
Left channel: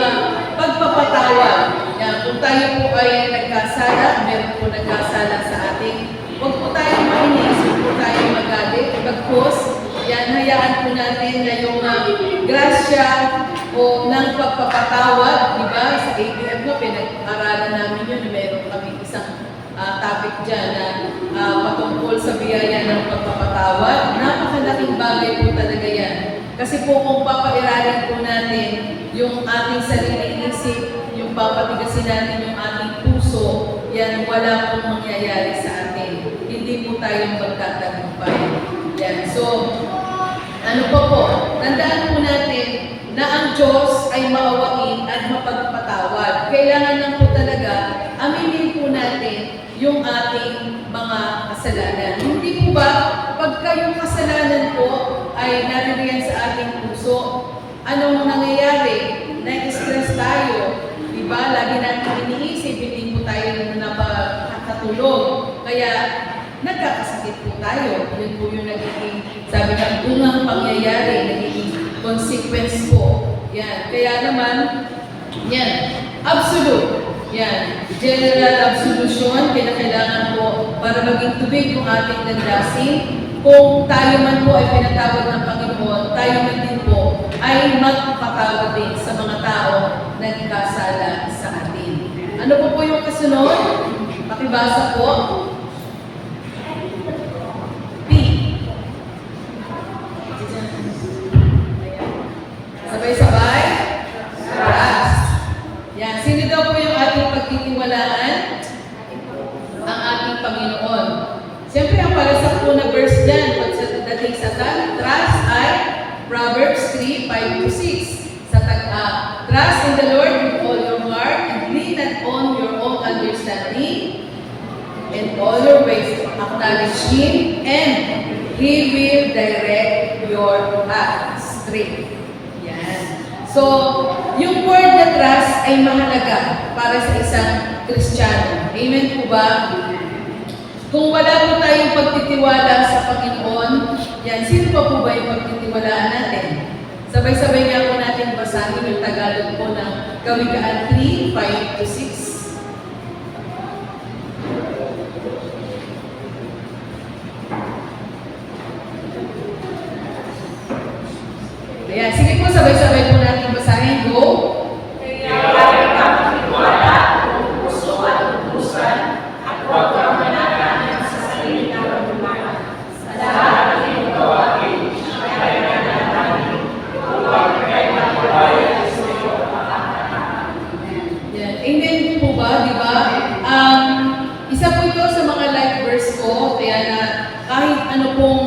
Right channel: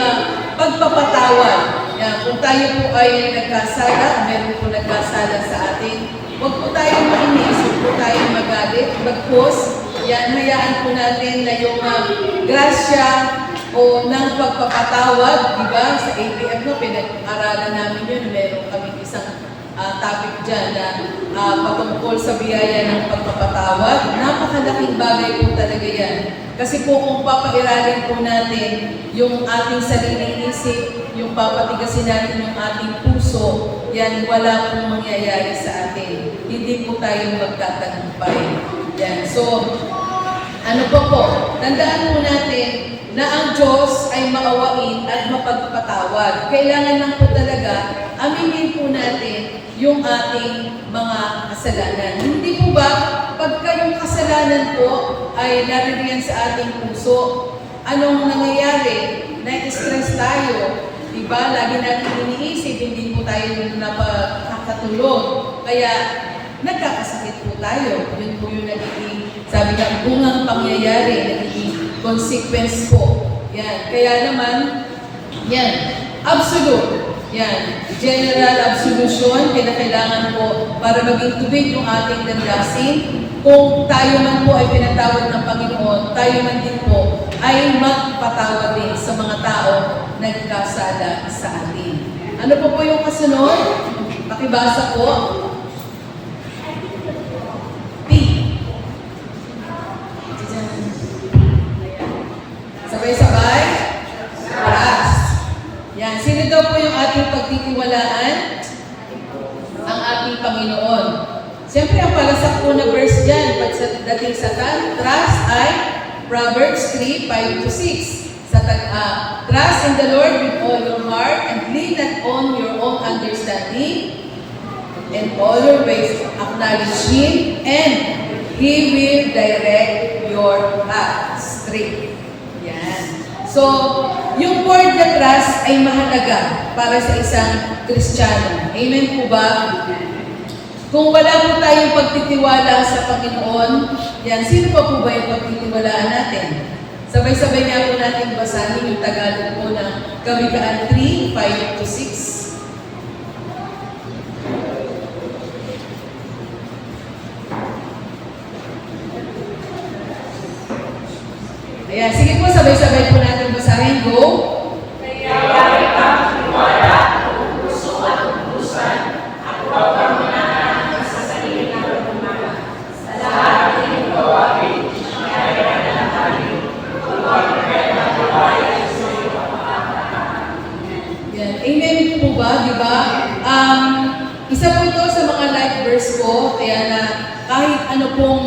pagpapatawad. Yan, kung tayo po ay nagkasala, meron po nagkasala sa atin, huwag po tayong mainis, huwag po tayong magalit, bagkus, yan, hayaan po natin na yung grasya o ng pagpapatawad, di ba? Sa ABF, no, pinag-aralan namin yun, meron kami isang topic dyan na patungkol sa biyaya ng pagpapatawad. Napakalaking bagay po talaga yan. Kasi po kung papairalin po natin yung ating sariling isip, yung papatigasin natin yung ating puso, yan, wala pong mangyayari sa atin. Hindi po tayong magtatagumpay. Yan. So, ano pa po? Tandaan po natin na ang Diyos ay maawain at mapagpatawad. Kailangan lang po talaga aminin po natin yung ating mga kasalanan. Hindi po ba, pagka yung kasalanan po ay naririyan sa ating puso, anong nangyayari? Na-stress tayo. Diba? Lagi natin iniisip, hindi po tayo napakatulog. Kaya, nagkakasakit po tayo. Yun po yung nagiging, sabi ka, unang pangyayari, nagiging consequence po. Yan. Kaya naman, yan, absolute. Yan, general absolution, kinakailangan po para maging tubig yung ating landasin. Kung tayo man po ay pinatawad ng Panginoon, tayo man din po ay magpatawad din sa mga tao na nagkasala sa atin. Ano po yung kasunod? Pakibasa po. P. Sabay-sabay. Trust. Yan. Sino daw po yung ating pagtitiwalaan? Ang ating Panginoon. Siyempre, ang palasak po na verse dyan, pagdating sa trust ay Proverbs 3:5-6. Trust in the Lord with all your heart and lean not on your own understanding. In all your ways, acknowledge Him and He will direct your path straight. Yan. So, yung word na trust ay mahalaga para sa isang Kristiyano. Amen po ba? Kung wala po tayong pagtitiwala sa Panginoon, yan, sino pa po ba yung pagtitiwalaan natin? Sabay-sabay nga po natin basahin yung Tagalog po ng Kawikaan 3:5-6. Ayan, sige po, sabay-sabay po natin basahin. Go! Amen po ba? Di ba? Isa po ito sa mga life verse ko, kaya na kahit ano pong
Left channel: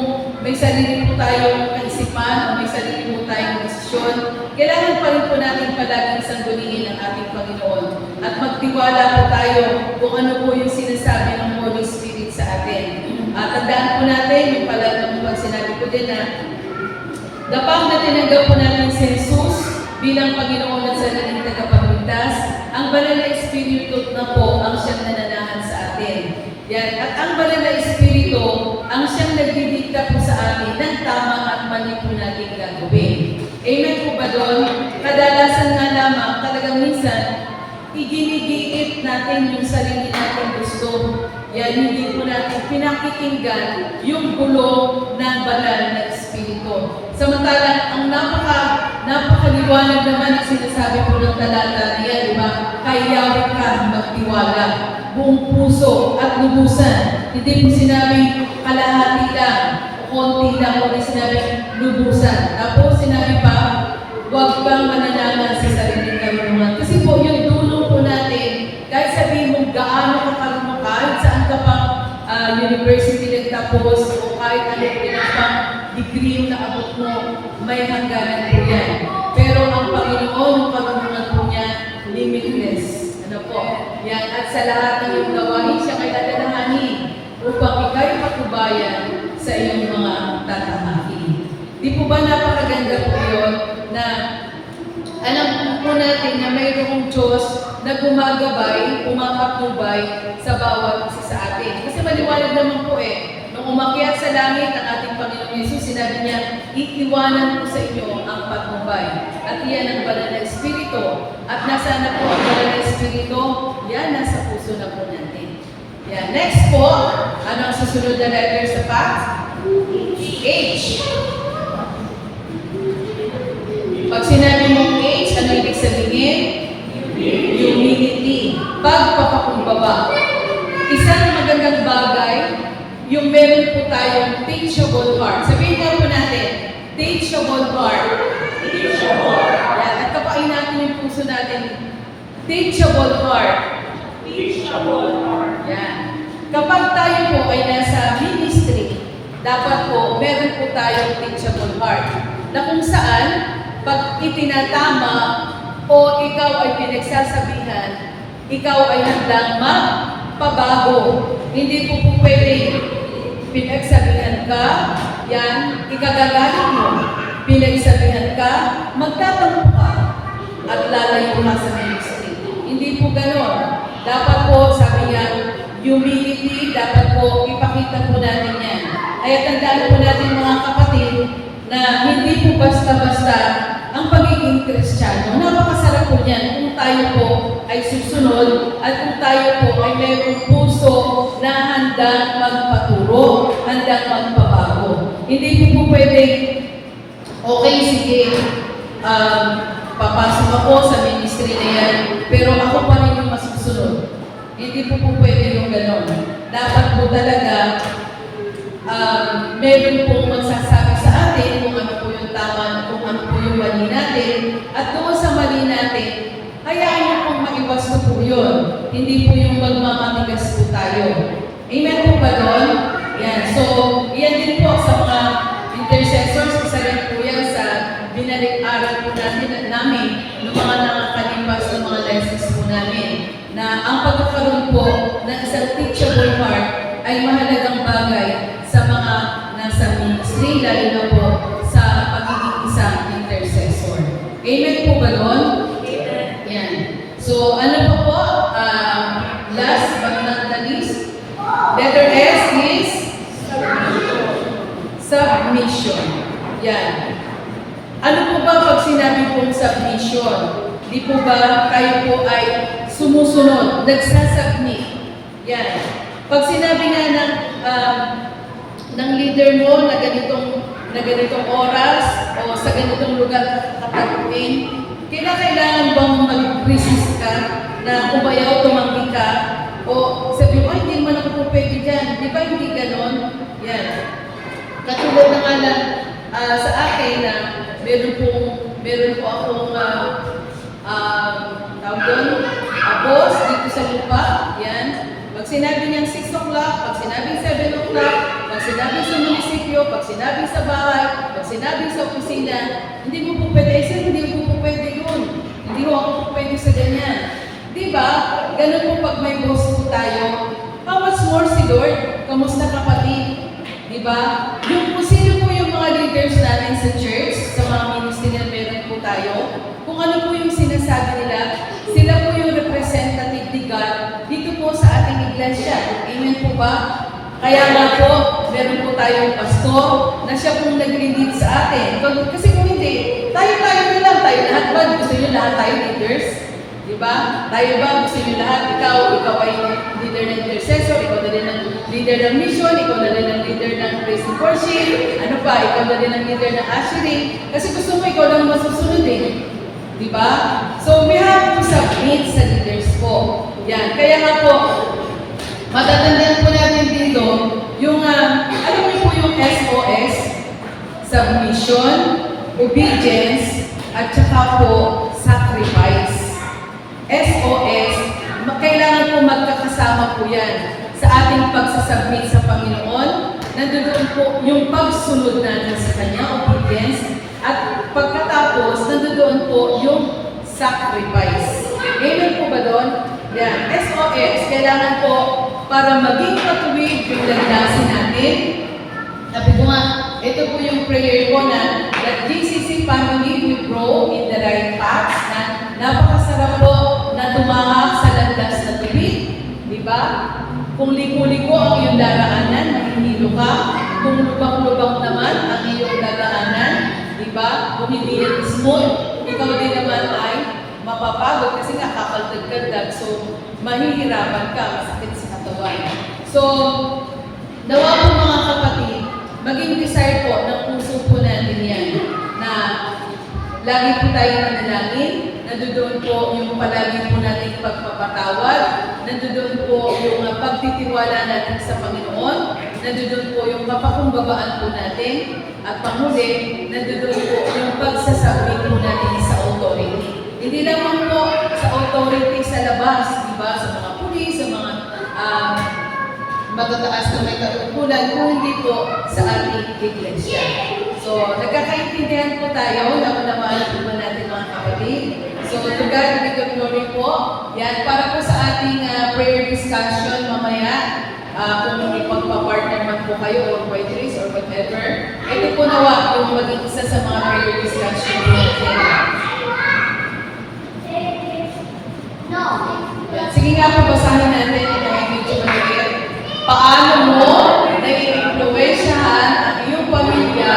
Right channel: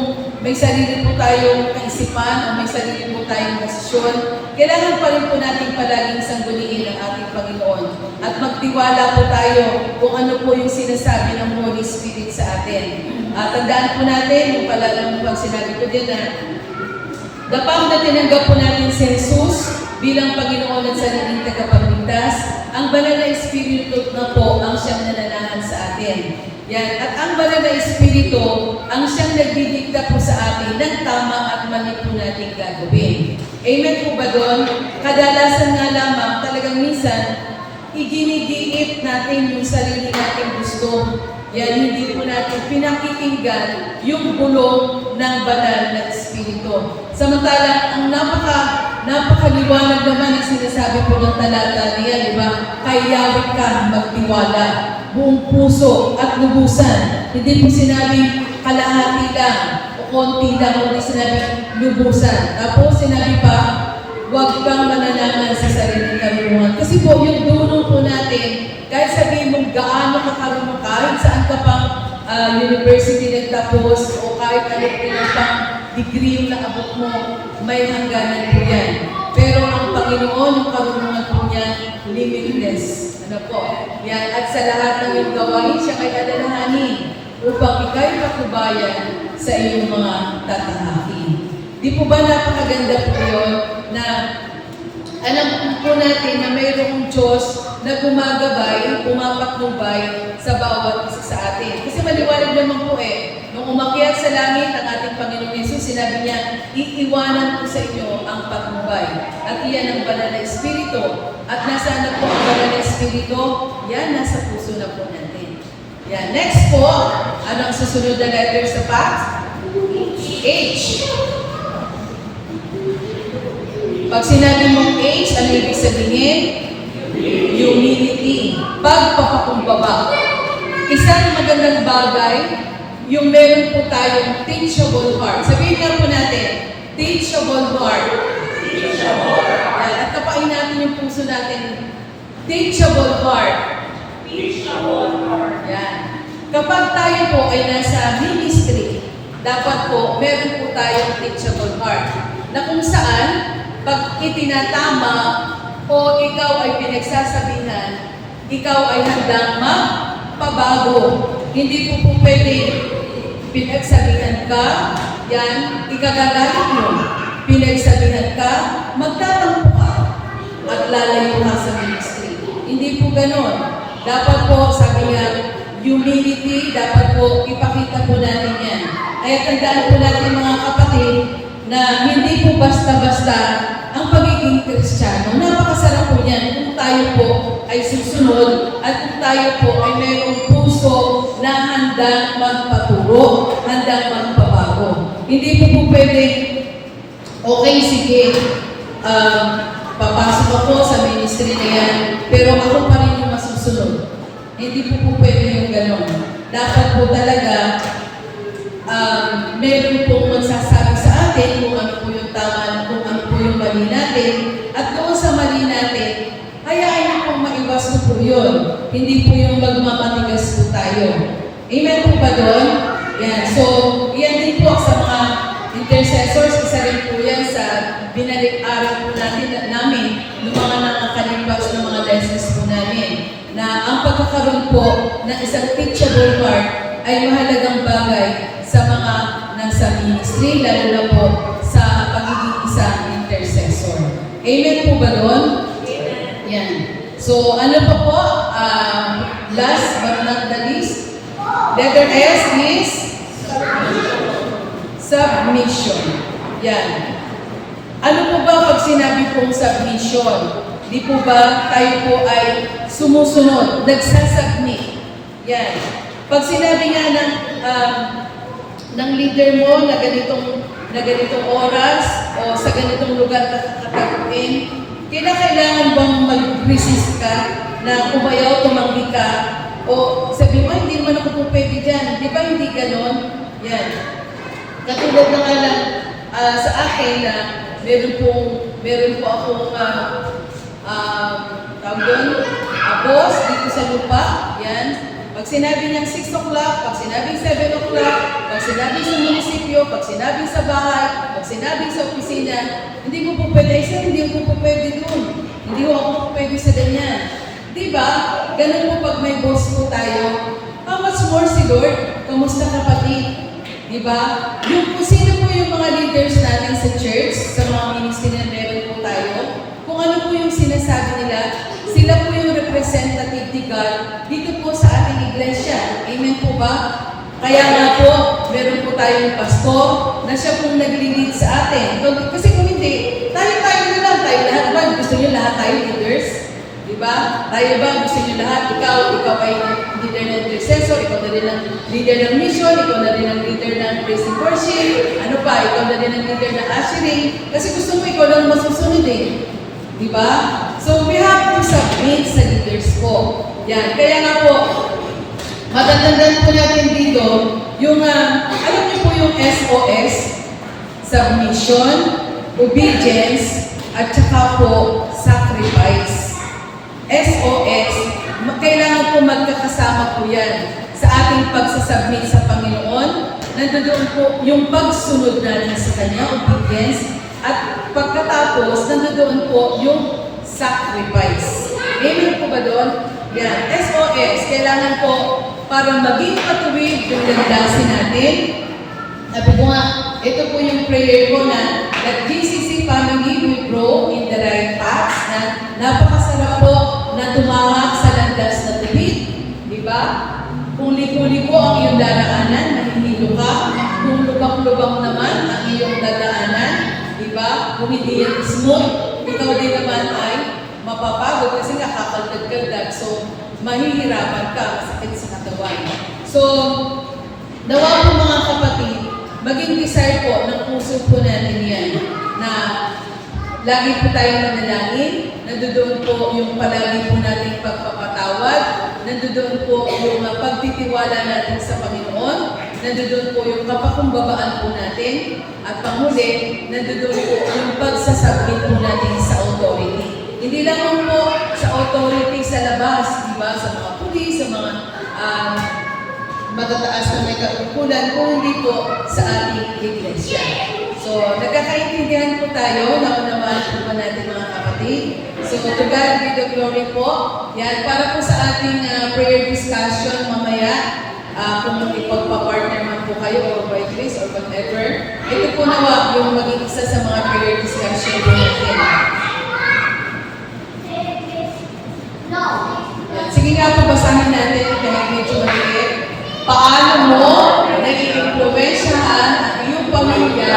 may sarili po tayong kaisipan o may sarili po tayong desisyon, kailangan pa rin po natin palaging sangguniin ang ating Panginoon at magtiwala po tayo kung ano po yung sinasabi ng Holy Spirit sa atin. Tandaan po natin, yung pala nung sinabi ko din na dapang na tinanggap po natin si Jesus bilang Panginoon at sariling tagapagligtas, ang banal na Espiritu na po ang siyang nananahan sa atin. Yan. At ang banal na Espiritu ang siyang nagdidikta po sa atin ng tama at mali po natin gagawin. Amen po ba doon? Kadalasan nga lamang, talagang minsan, iginigiit natin yung sarili natin gusto. Yan, hindi po natin pinakikinggan yung bulong ng banal na Espiritu. Samantalang, ang napakaliwanag naman ang sinasabi po ng talata niya, di ba? Kayawit ka magtiwala, buong puso at lubusan. Hindi po sinabing kalahati lang o konti lang, kundi sinabing lubusan. Tapos sinabi pa, huwag kang mananangan sa sariling karunungan. Kasi po, yung dunong po natin, kahit sabihin mong gaano ka karunong, kahit saan ka pang university nagtapos o kahit ano pinapang degree yung naabot mo, may hangganan po yan. Pero ang Panginoon, yung karunungan po niya, limitless. Ano po? Yan. At sa lahat ng iyong gawain, siya kay alalahanin upang ikaw'y patnubayan sa iyong mga tatahakin. Di po ba napakaganda po yun na alam po natin na mayroong Diyos na gumagabay, pumapatnubay sa bawat isa sa atin. Kasi maliwanag naman po nung umakyat sa langit ang ating Panginoong Yesus, sinabi niya, iiwanan ko sa inyo ang patnubay. At iyan ang banal na Espiritu. At nasaan na po ang banal na Espiritu? Yan, nasa puso na po natin. Yan. Next po, anong susunod na letter sa fact? H. Pag sinabi mong H, ano ibig sabihin? Humility. Pagpapakumbaba. Isang magandang bagay, yung meron po tayong teachable heart. Sabihin nga po natin, teachable heart. Teachable. Yan. At kapain natin yung puso natin. Teachable heart. Teachable heart. Yan. Kapag tayo po ay nasa ministry, dapat po, meron po tayong teachable heart. Na kung saan, pag itinatama o ikaw ay pinagsasabihan, ikaw ay handang magpabago. Hindi po pwede pinagsabihan ka, yan, ikagagalit mo. Pinagsabihan ka, magtatampo ka at lalayo ka sa ministry. Hindi po ganon. Dapat po, sabi niya, humility, dapat po ipakita po natin yan. Kaya tandaan po natin mga kapatid na hindi po basta-basta ang pagiging Kristiyano. Napakasarap po niyan kung tayo po ay susunod at kung tayo po ay mayroong puso na handang magpaturo, handang magpabago. Hindi po pwede, okay, sige, papasok ako sa ministry na yan, pero ako pa rin yung masusunod. Hindi po pwede yung ganon. Dapat po talaga, meron pong magsasabi sa atin kung ano po yung tama, kung ano po yung mali natin, at doon sa mali natin, hayaan niyo pong maiwas na po yun. Hindi po yung magmamatigas po tayo. Amen po ba doon? Yan. So, yan din po sa mga intercessors, isa rin po yan sa binalik-aral po namin ng mga nakakalipas ng mga lessons po namin, na ang pagkakaroon po ng isang teachable heart ay mahalagang bagay sa mga nasa ministry, lalo na po sa pagiging isang intercessor. Amen po ba doon? Amen. Yan. So, ano pa po? Last but not the least, letter S is submission. Yan. Ano po ba pag sinabi pong submission? Di po ba tayo po ay sumusunod, nagsasubmit? Yan. Pag sinabi nga ng leader mo na ganitong oras o sa ganitong lugar kakataguin, kailangan bang mag-resist ka na umayaw, tumanggi ka, o sabi mo, ay, hindi naman ako po pwede dyan. Di ba hindi ganon? Yan. Katulad na nga lang sa akin na meron po akong tawag doon, boss dito sa lupa. Yan. Pag sinabi niyang 6 o'clock, pag sinabing 7 o'clock, pag sinabing sa munisipyo, pag sinabing sa bahay, pag sinabing sa opisina, hindi mo po pwede, hindi mo po pwede doon. Hindi mo ako po pwede sa ganyan. Di ba? Ganun po pag may boss po tayo. How much more si Lord? Kamusta kapatid? Di ba? Yung sino po yung mga leaders natin sa church, sa mga ministry na meron po tayo, kung ano po yung sinasabi nila, sila po yung representative ni God dito po sa ating iglesia. Amen po ba? Kaya nga po, meron po tayong pastor na siya pong nag-lead sa atin. Kasi kung hindi, tayo na lang, tayo lahat ba? Gusto nyo lahat tayo leaders? Diba? Tayo ba? Gusto nyo lahat? Ikaw ay leader ng intercessor, ikaw na rin ang leader ng mission, ikaw na rin ang leader ng praise and worship, ano pa, ikaw na rin ang leader ng ushering. Kasi gusto mo, ikaw lang masusunod eh. Diba? So, we have to submit sa leaders po. Yan. Kaya nga po, matatandaan po natin dito, yung, alam niyo po yung SOS, submission, obedience, at saka po, sacrifice. SOS, kailangan po magkakasama po yan sa ating pagsasubmit sa Panginoon, nandoon po yung pagsunod natin sa Kanya, obedience, at pagkatapos, nandoon po yung sacrifice. Amen po ba doon? Yan. SOS, kailangan po para maging matuwid yung landasin natin. Sabi ko nga, ito po yung prayer ko na that GCC family will grow in the right paths, na napakasarap po na tumahak sa landas na tuwid. Di ba? Kung liko-liko ang iyong daraanan, mahihilo ka. Kung lubak-lubak naman ang iyong dadaanan, di ba? Kung hindi yan smooth, ikaw din naman ay mapapagod kasi nakakaldag-kaldag. So, mahihirapan ka, masakit sa katawan. So, nawa po mga kapatid, maging desire po ng puso po natin yan na lagi po tayo manalangin, nandoon po yung palagi po nating pagpapatawad, nandoon po yung pagtitiwala natin sa Panginoon, nandoon po yung kapakumbabaan po natin, at panghuli, nandoon po yung pagsasabit po natin sa authority. Hindi lamang po sa authority sa labas, di ba? Sa mga pulis, sa mga matataas na may katungkulan, kung hindi po sa ating iglesia. So, nagkakaintindihan po tayo, naunawaan po ba natin mga kapatid? So, to God be the glory po. Yan, para po sa ating prayer discussion mamaya, kung ipagpa-partner man po kayo or by grace or whatever, ito po nawa yung maging isa sa mga prayer discussion po natin. Yan. Sige nga po, basahin natin kahit medyo maliit. Paano mo nai-influensyahan ang iyong pamilya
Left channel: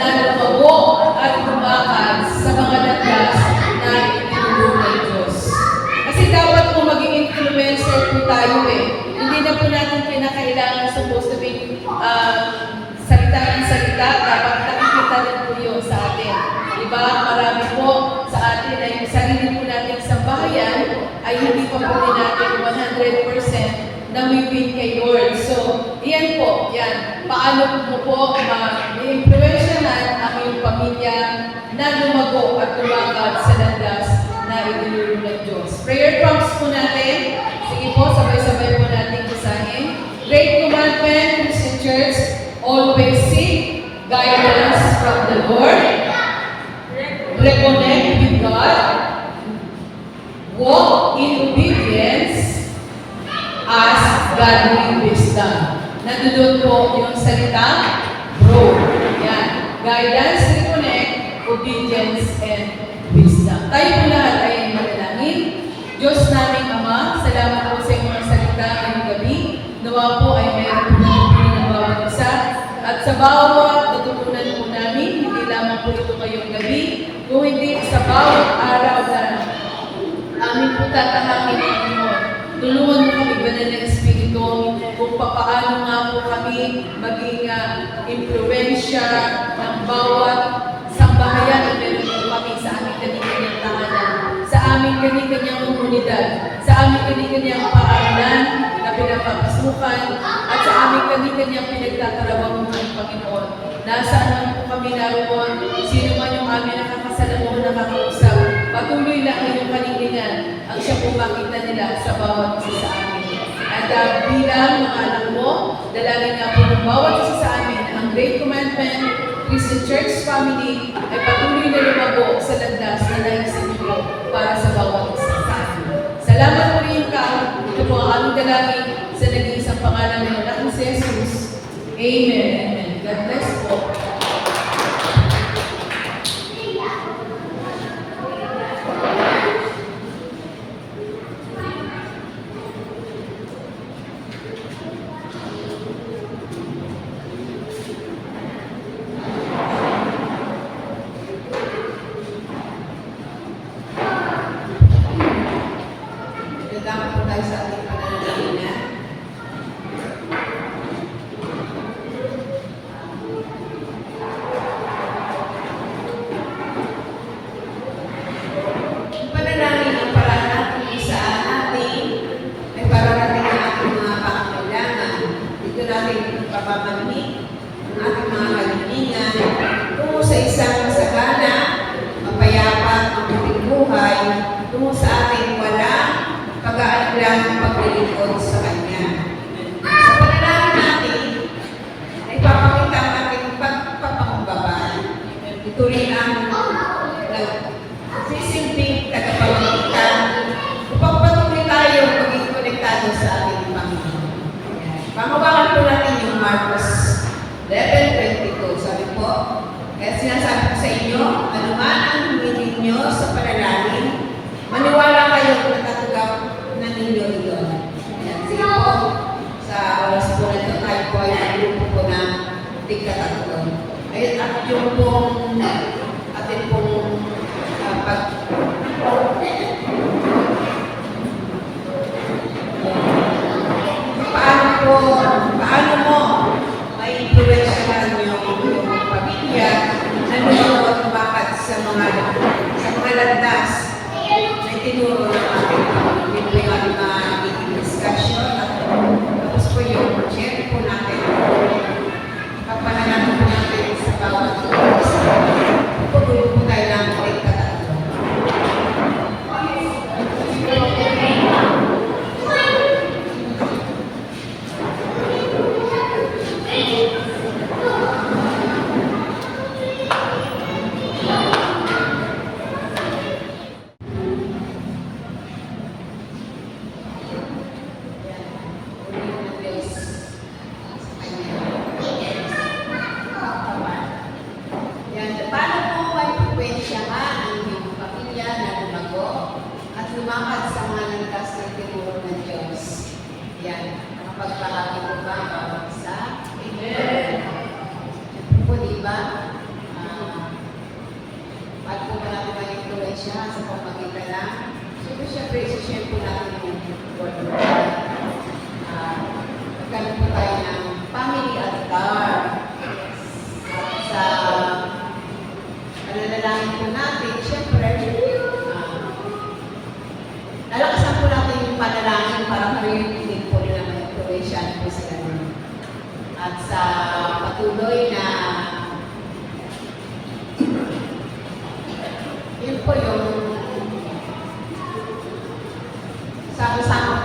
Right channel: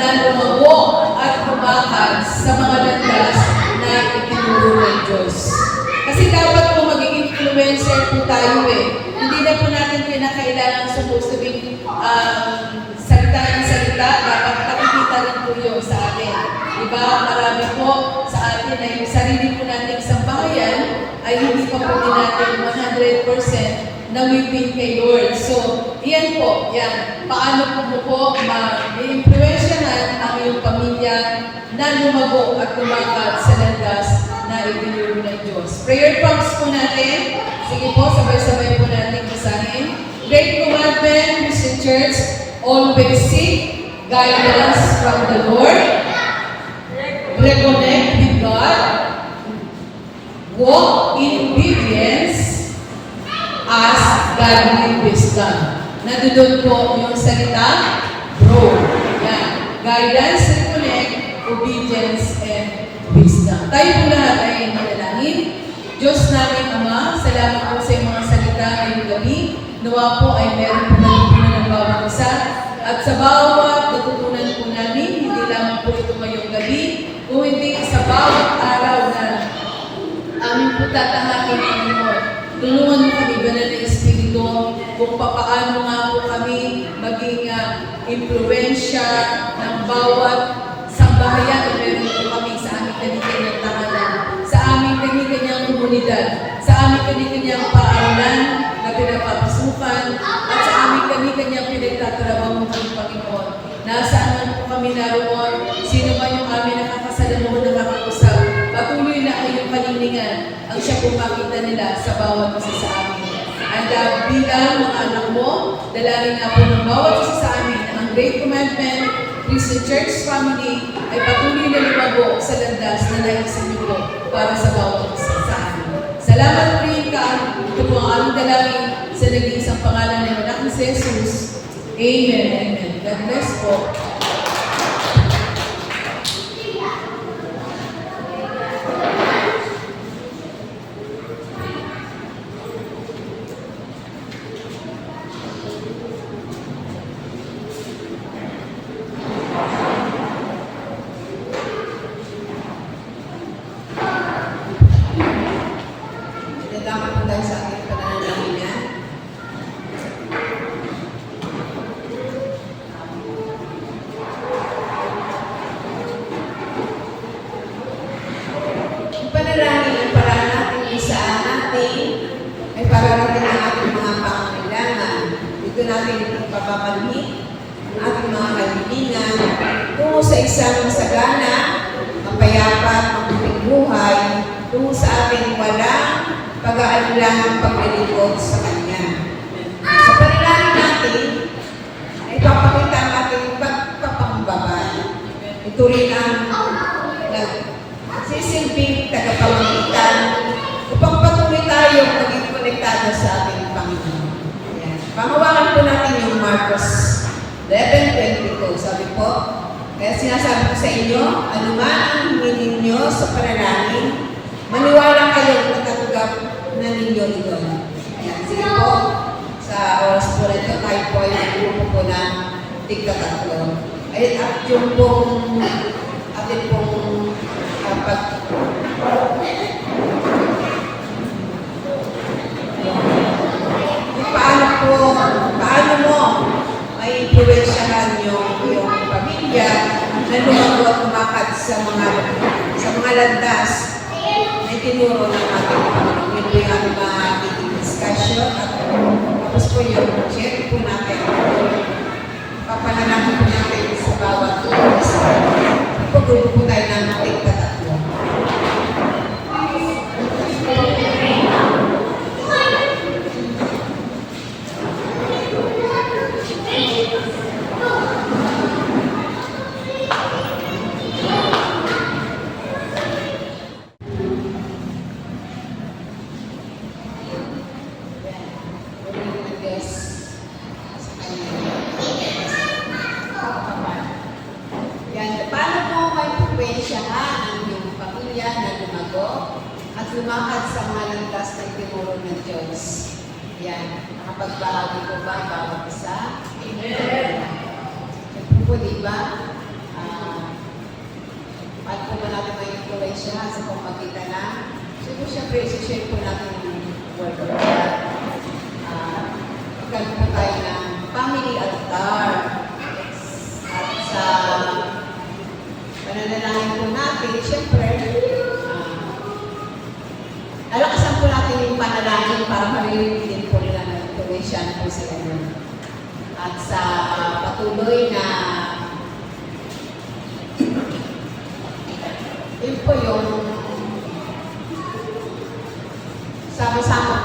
na lumago at lumakas sa mga landas na itinuro ng Diyos? Kasi dapat po maging influencer po tayo eh. Hindi na po natin kinakailangan supposed to be salita ng salita. Dapat nakikita rin po yun sa atin. Diba? Marami po sa atin na yung sarili po natin sa bayan ay hindi pa po din natin 100% na wipin kay Lord. So, yan po, yan. Paano mo po ma-influensyahan ang iyong pamilya na lumago at lumakad sa landas na itinuro ng Diyos. Prayer prompts po natin. Sige po, sabay-sabay po natin basahin. Great Commandment, Christian Church, always seek guidance from the Lord. Reconnect with God. Walk in obedience as godly wisdom. Nandun po yung salita, grow. Yan. Guidance, reconnect, obedience, and wisdom. Tayo po lahat ay manalangin. Diyos namin, Ama, salamat po sa mga salita ngayong gabi. Nawa po ay meron po namin ng bawat isa. At sa bawat natutunan po namin, hindi lamang po ito ngayong gabi, kung hindi sa bawat araw na amin po tatahakin ang Panginoon. Tulungan mo kami, Banal na Espiritu, kung papaano nga po kami maging impluensya ng bawat sambahayan na meron po kami sa aming kanyang tahanan, sa aming kanyang komunidad, sa aming kanyang paaralan na pinapapasukan, at sa aming kanyang pinagtatrabaho ng Panginoon. Nasaan man po kami naroon, sino man yung aming nakakasalamuhan, nakakausap, patuloy na kayong panindigan ang siya po makita nila sa bawat isa sa amin. At bilang mga anak mo, dalangin nga po ng bawat isa sa amin ang Great Commandment, Christian Church Family ay patuloy na lumago sa landas na naisin niyo po para sa bawat isa sa amin. Salamat po rin ka. Ito po ang aming dalangin sa nag-iisang pangalan ng anak ni Jesus. Amen. Amen. God bless po. Dadama po tayo sa ating pananalangin. Ang panalangin ang paraan natin kung saan natin ay pararating ang ating mga pangangailangan. Dito natin papapanhin ang ating mga kalilingan tungo sa isang masagana, mapayapa, mabuting buhay, tungo sa ating walang pag-aalilang paglilingkod sa Kanya. Sa panalangin natin, ito rin ang nagsisilbing tagapamagitan upang patuloy tayong maging konektado sa ating Panginoon. Ayan. Panghawakan po natin yung Marcos 11:22. Sabi po, kaya sinasabi ko sa inyo, anuman ang hingin ninyo sa panalangin, maniwala kayong natatanggap na ninyo iyon. Ayan, sige po, sa oras po na ito, tayo po ay grupo po ng tigka-tatlo. Ayun, at yung pong atin pong paano mo may influensyahan yung pamilya na lumago at lumakad sa mga landas na itinuro ng ating Panginoon. Yun po yung ating magiging discussion at tapos po yung share po natin. Papanalangin po natin sa bawat isa. Ipagrupo po tayo ng tigka-tatlo. Lumakad sa mga landas na itinuro ng Diyos. Yan. Nakapagbahagi po ba ang bawat isa? Amen. Siyempre po, di ba? Paano po ba natin ma-influensyahan sa pamagitan na? Siyempre, isi-share po natin yung Word of God. Magkaroon po tayo ng family altar. At sa pananalangin po natin, siyempre, lalakasan po natin yung panalangin para marinig din po nila ma-influensyahan po sila nun. At sa patuloy na yun po yung sama-sama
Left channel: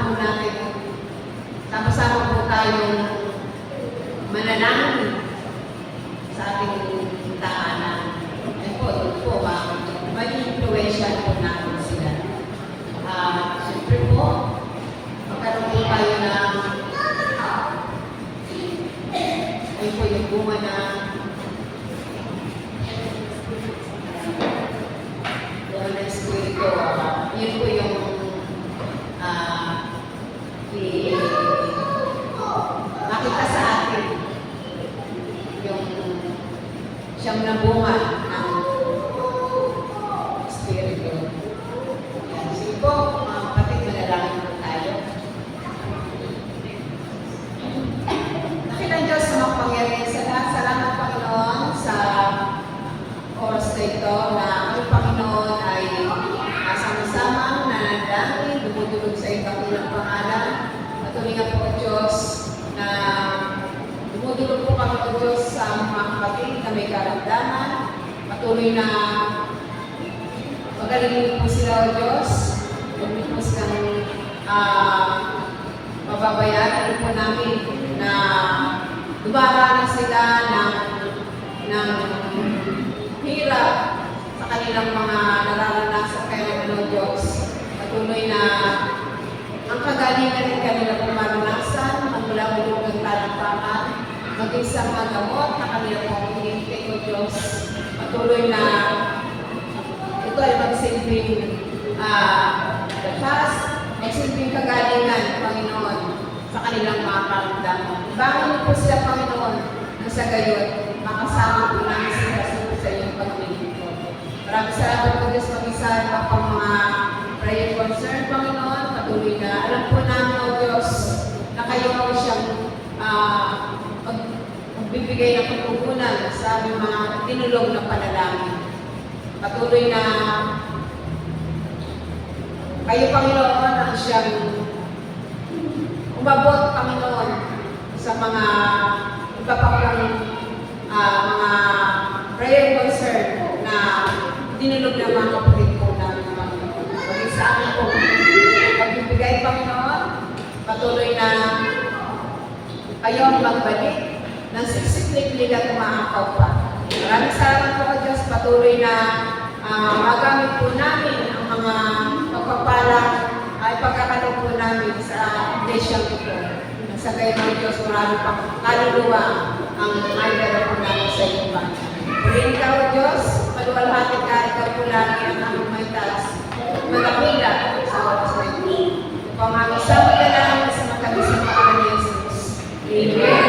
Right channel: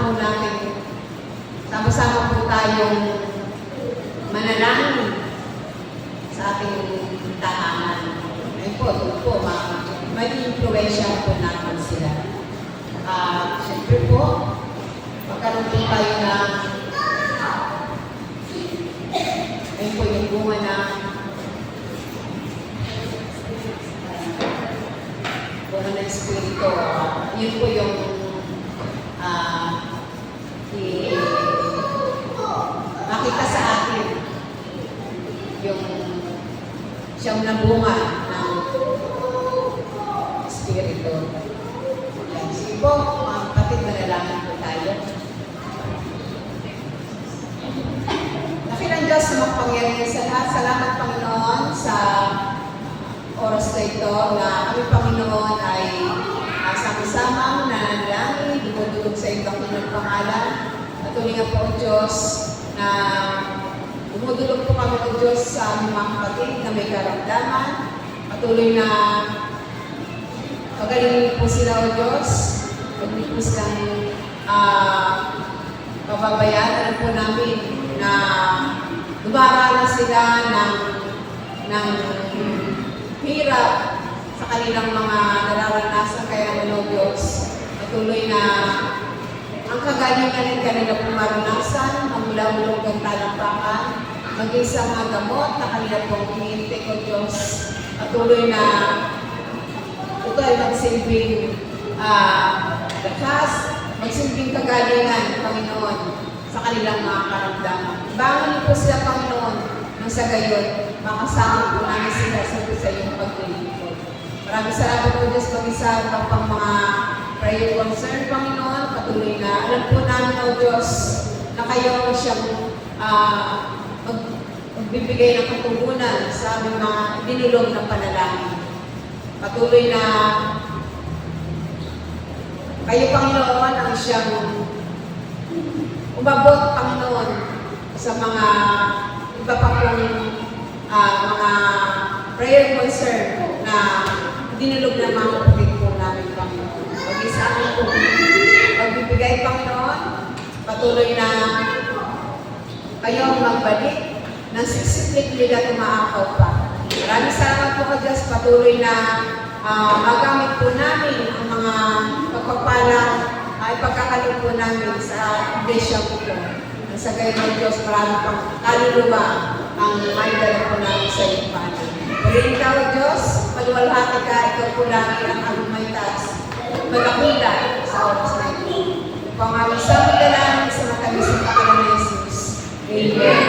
po tayong manalangin sa ating tahanan. Ayun po, doon po, mag-influensyahan po natin sila. Siyempre po, magkaroon po tayo ng ayun po yung bunga na Espiritu. Yun po yung makita sa atin yung siyang nabunga ng Espiritu. Sige po, mga kapatid, manalangin po tayo. Dakilang Diyos sa makapangyarihan sa lahat. Salamat, Panginoon, sa oras na ito na kami, Panginoon, ay sama-samang nanalangin, dumudulog sa iyong dakilang pangalan. Patuloy nga po, O Diyos, na dumudulog po kami, O Diyos, sa mga kapatid na may karamdaman. Patuloy na pagalingin po sila, O Diyos. Huwag niyo po silang pababayaan. Alam po namin na dumaranas sila ng hirap sa kanilang mga nararanasan. Kaya naman, O Diyos, patuloy na ang kagalingan ng kanila pong maranasan, magmula-mulog ang talampakan, maging sa mga gamot na kanila pong hinihintay, O Diyos. Patuloy na ito ay magsilbing lakas, magsilbing kagalingan, Panginoon, sa kanilang mga karamdaman. Bangon niyo po sila, Panginoon, nang sa gayon, makasama po namin sila sa iyong paglilingkod. Maraming salamat po, Diyos, mag-isa pa pang mga prayer concern, Panginoon. Patuloy na alam po namin, O Diyos, na kayo ang siyang magbibigay ng katugunan sa aming mga dinulog na panalangin. Patuloy na kayo, Panginoon, ang siyang umabot, Panginoon, sa mga iba pa pong mga prayer concern na dinulog ng mga kapatid po namin, Panginoon. Pag sa amin po, pagbibigay, Panginoon, patuloy na kayo ang magbalik ng siksik-liklig at umaakaw pa. At Maraming salamat po kay Diyos. Patuloy na magamit po namin ang mga pagpapala ay pagkakalog po namin sa iglesia po po. Sa gayon ng Diyos, marami pang kaluluwa ang may dala po namin sa iyong bayan. Purihin ka o Diyos, maluwalhati ka, ikaw po lagi ang aming may taas. Magakula sa oras na ito. Kung aming samot na namin sa matamis ng pangalan ni Jesus. Amen.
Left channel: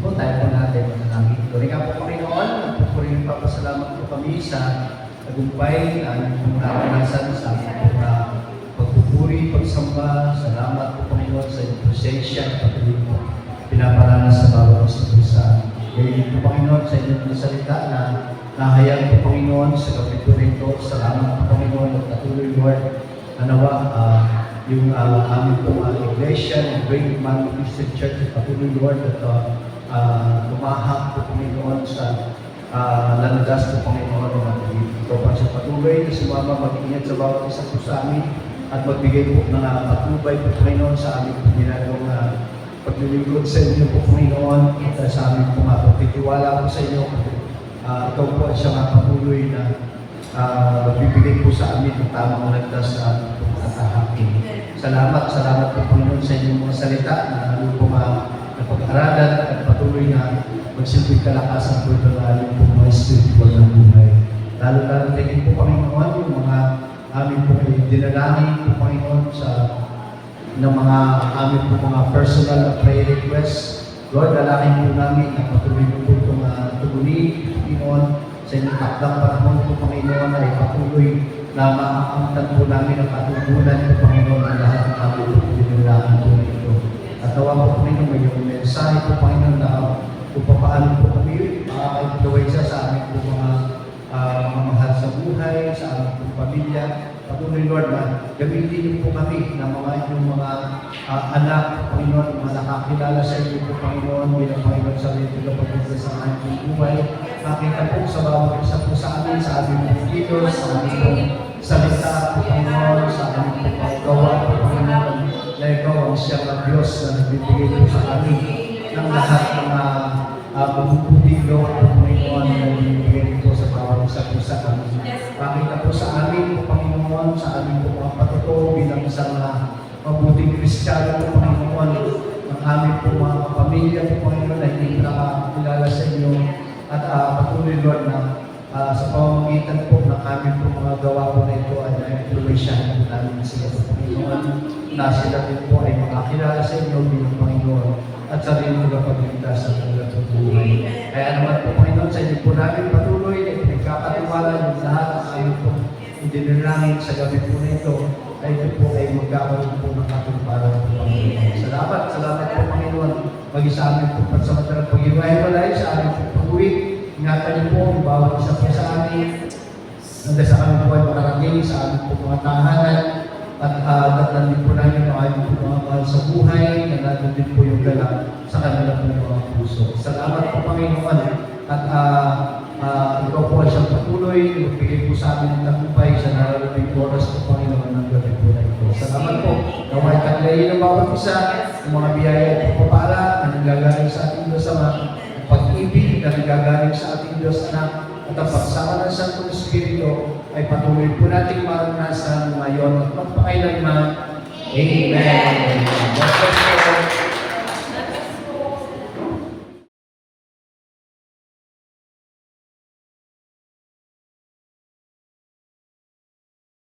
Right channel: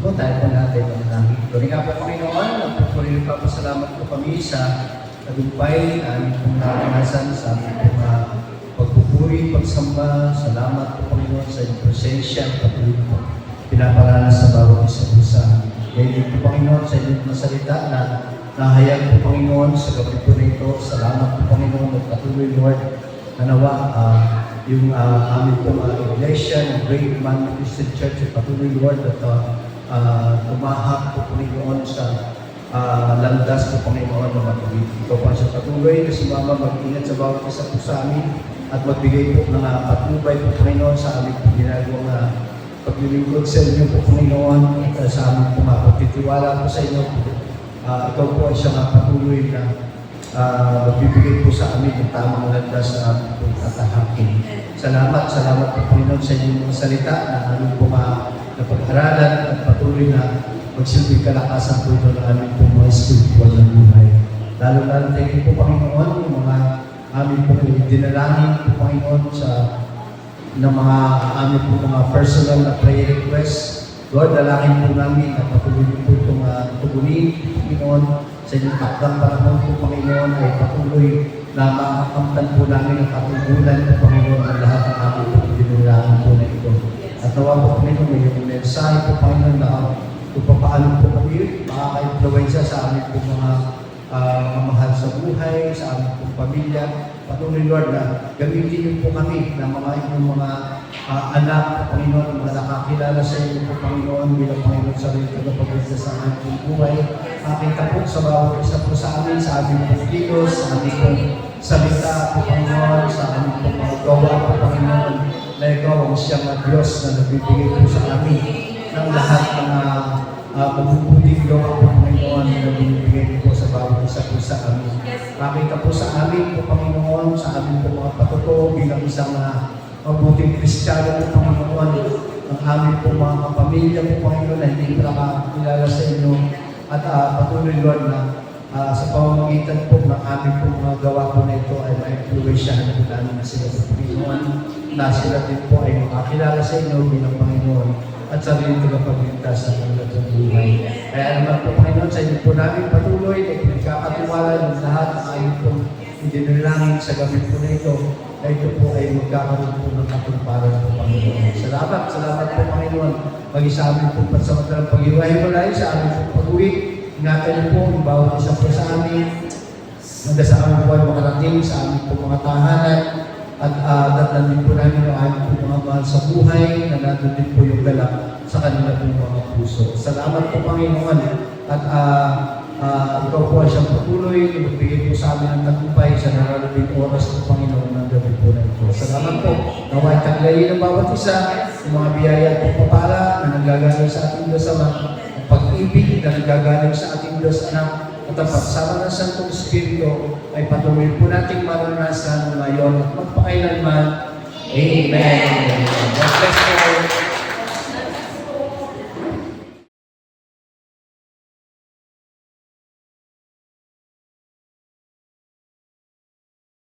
Po, tayo po natin manalangin. Doon nga po Panginoon, nagpupurihin pa pasalamat po kami sa tagumpay na aming pong naranasan sa aming pong pagpupuri, pagsamba. Salamat po Panginoon sa iyong presensya at patuloy po pinaparanas sa bawat isa po sa gayon po Panginoon sa inyong mga salita na nahayag po Panginoon sa gabi po na ito. Salamat po Panginoon at patuloy Lord na nawa yung aming pong iglesia ng Great Man Christian Church at patuloy Lord at tumahak po Panginoon sa landas po Panginoon ng kapatid. Ikaw pa siya patuloy na sumama mag-ingat sa bawat isa po sa amin at magbigay po ng patnubay po Panginoon sa aming ginagawang paglilingkod sa inyo po Panginoon at sa aming po pagtitiwala po sa inyo. Ikaw po ay siyang patuloy na magbibigay po sa amin ng tamang landas na aming po tatahakin. Salamat po Panginoon sa inyong mga salita na aming po napag-aralan at patuloy na magsilbing kalakasan po ito na aming po mga spiritual na buhay. Lalo-lalo tingin po Panginoon yung mga aming po dinalangin po Panginoon sa ng mga aming po mga personal na prayer requests. Lord, dalangin po namin na patuloy niyo po itong tugunin, Panginoon, sa inyong takdang panahon po Panginoon ay patuloy na makakamtan po namin ang katugunan po Panginoon ng lahat ng aming po dinalangin po na ito. At nawa po Panginoon, may yung mensahe po Panginoon na kung paano po kami makaka-influensya sa aming po mga mahal sa buhay, sa aming po pamilya. Patuloy Lord na gamitin niyo po kami na mga inyong mga anak po Panginoon, mga nakakilala sa inyo po Panginoon bilang Panginoon sa rin tagapagligtas sa aming buhay. Makita po sa bawat isa po sa amin, sa aming po kilos, sa aming po salita po Panginoon, sa aming po mga gawa po Panginoon, na ikaw ang siyang Diyos na nagbibigay po sa amin ng lahat ng mabubuting gawa po Panginoon na nagbibigay po sa bawat isa po sa amin. Makita po sa amin po Panginoon, sa amin po mga patuto bilang isang mabuting Kristiyano po Panginoon, ng amin po mga kapamilya po Panginoon na hindi nakakilala sa inyo at patuloy Lord na sa pamamagitan po ng aming po mga gawa po na ito ay ma-influensyahan po namin na sila po Panginoon na sila din po ay makakilala sa inyo bilang Panginoon at sa rin tagapagligtas sa kanilang buhay. Kaya naman po Panginoon, sa inyo po namin patuloy na pinagkakatiwala yung lahat ng aming pong idinalangin sa gabi po na ito, na ito po ay magkakaroon po ng katumparan po Panginoon. Salamat po Panginoon, mag-isa amin po pansamantalang pag-iwahiwalay sa aming pong pag-uwi. Ingatan niyo po yung bawat isa po sa amin, hanggang sa kami po ay makarating sa aming po mga tahanan. At datnan din po namin ang aming po mga mahal sa buhay na nandun din po yung galak sa kanila po mga puso. Salamat po Panginoon at ikaw po ay siyang patuloy na magbigay po sa amin ng tagumpay sa nararaming oras po Panginoon ng gabi po na ito. Salamat po na may taglayin ng bawat isa ng mga biyaya at pagpapala na nanggagaling sa ating Diyos Ama, ang pag-ibig na nanggagaling sa ating Diyos Anak, at ang pagsama ng Santong Espiritu ay patuloy po nating maranasan ngayon at magpakailanman. Amen. God bless you.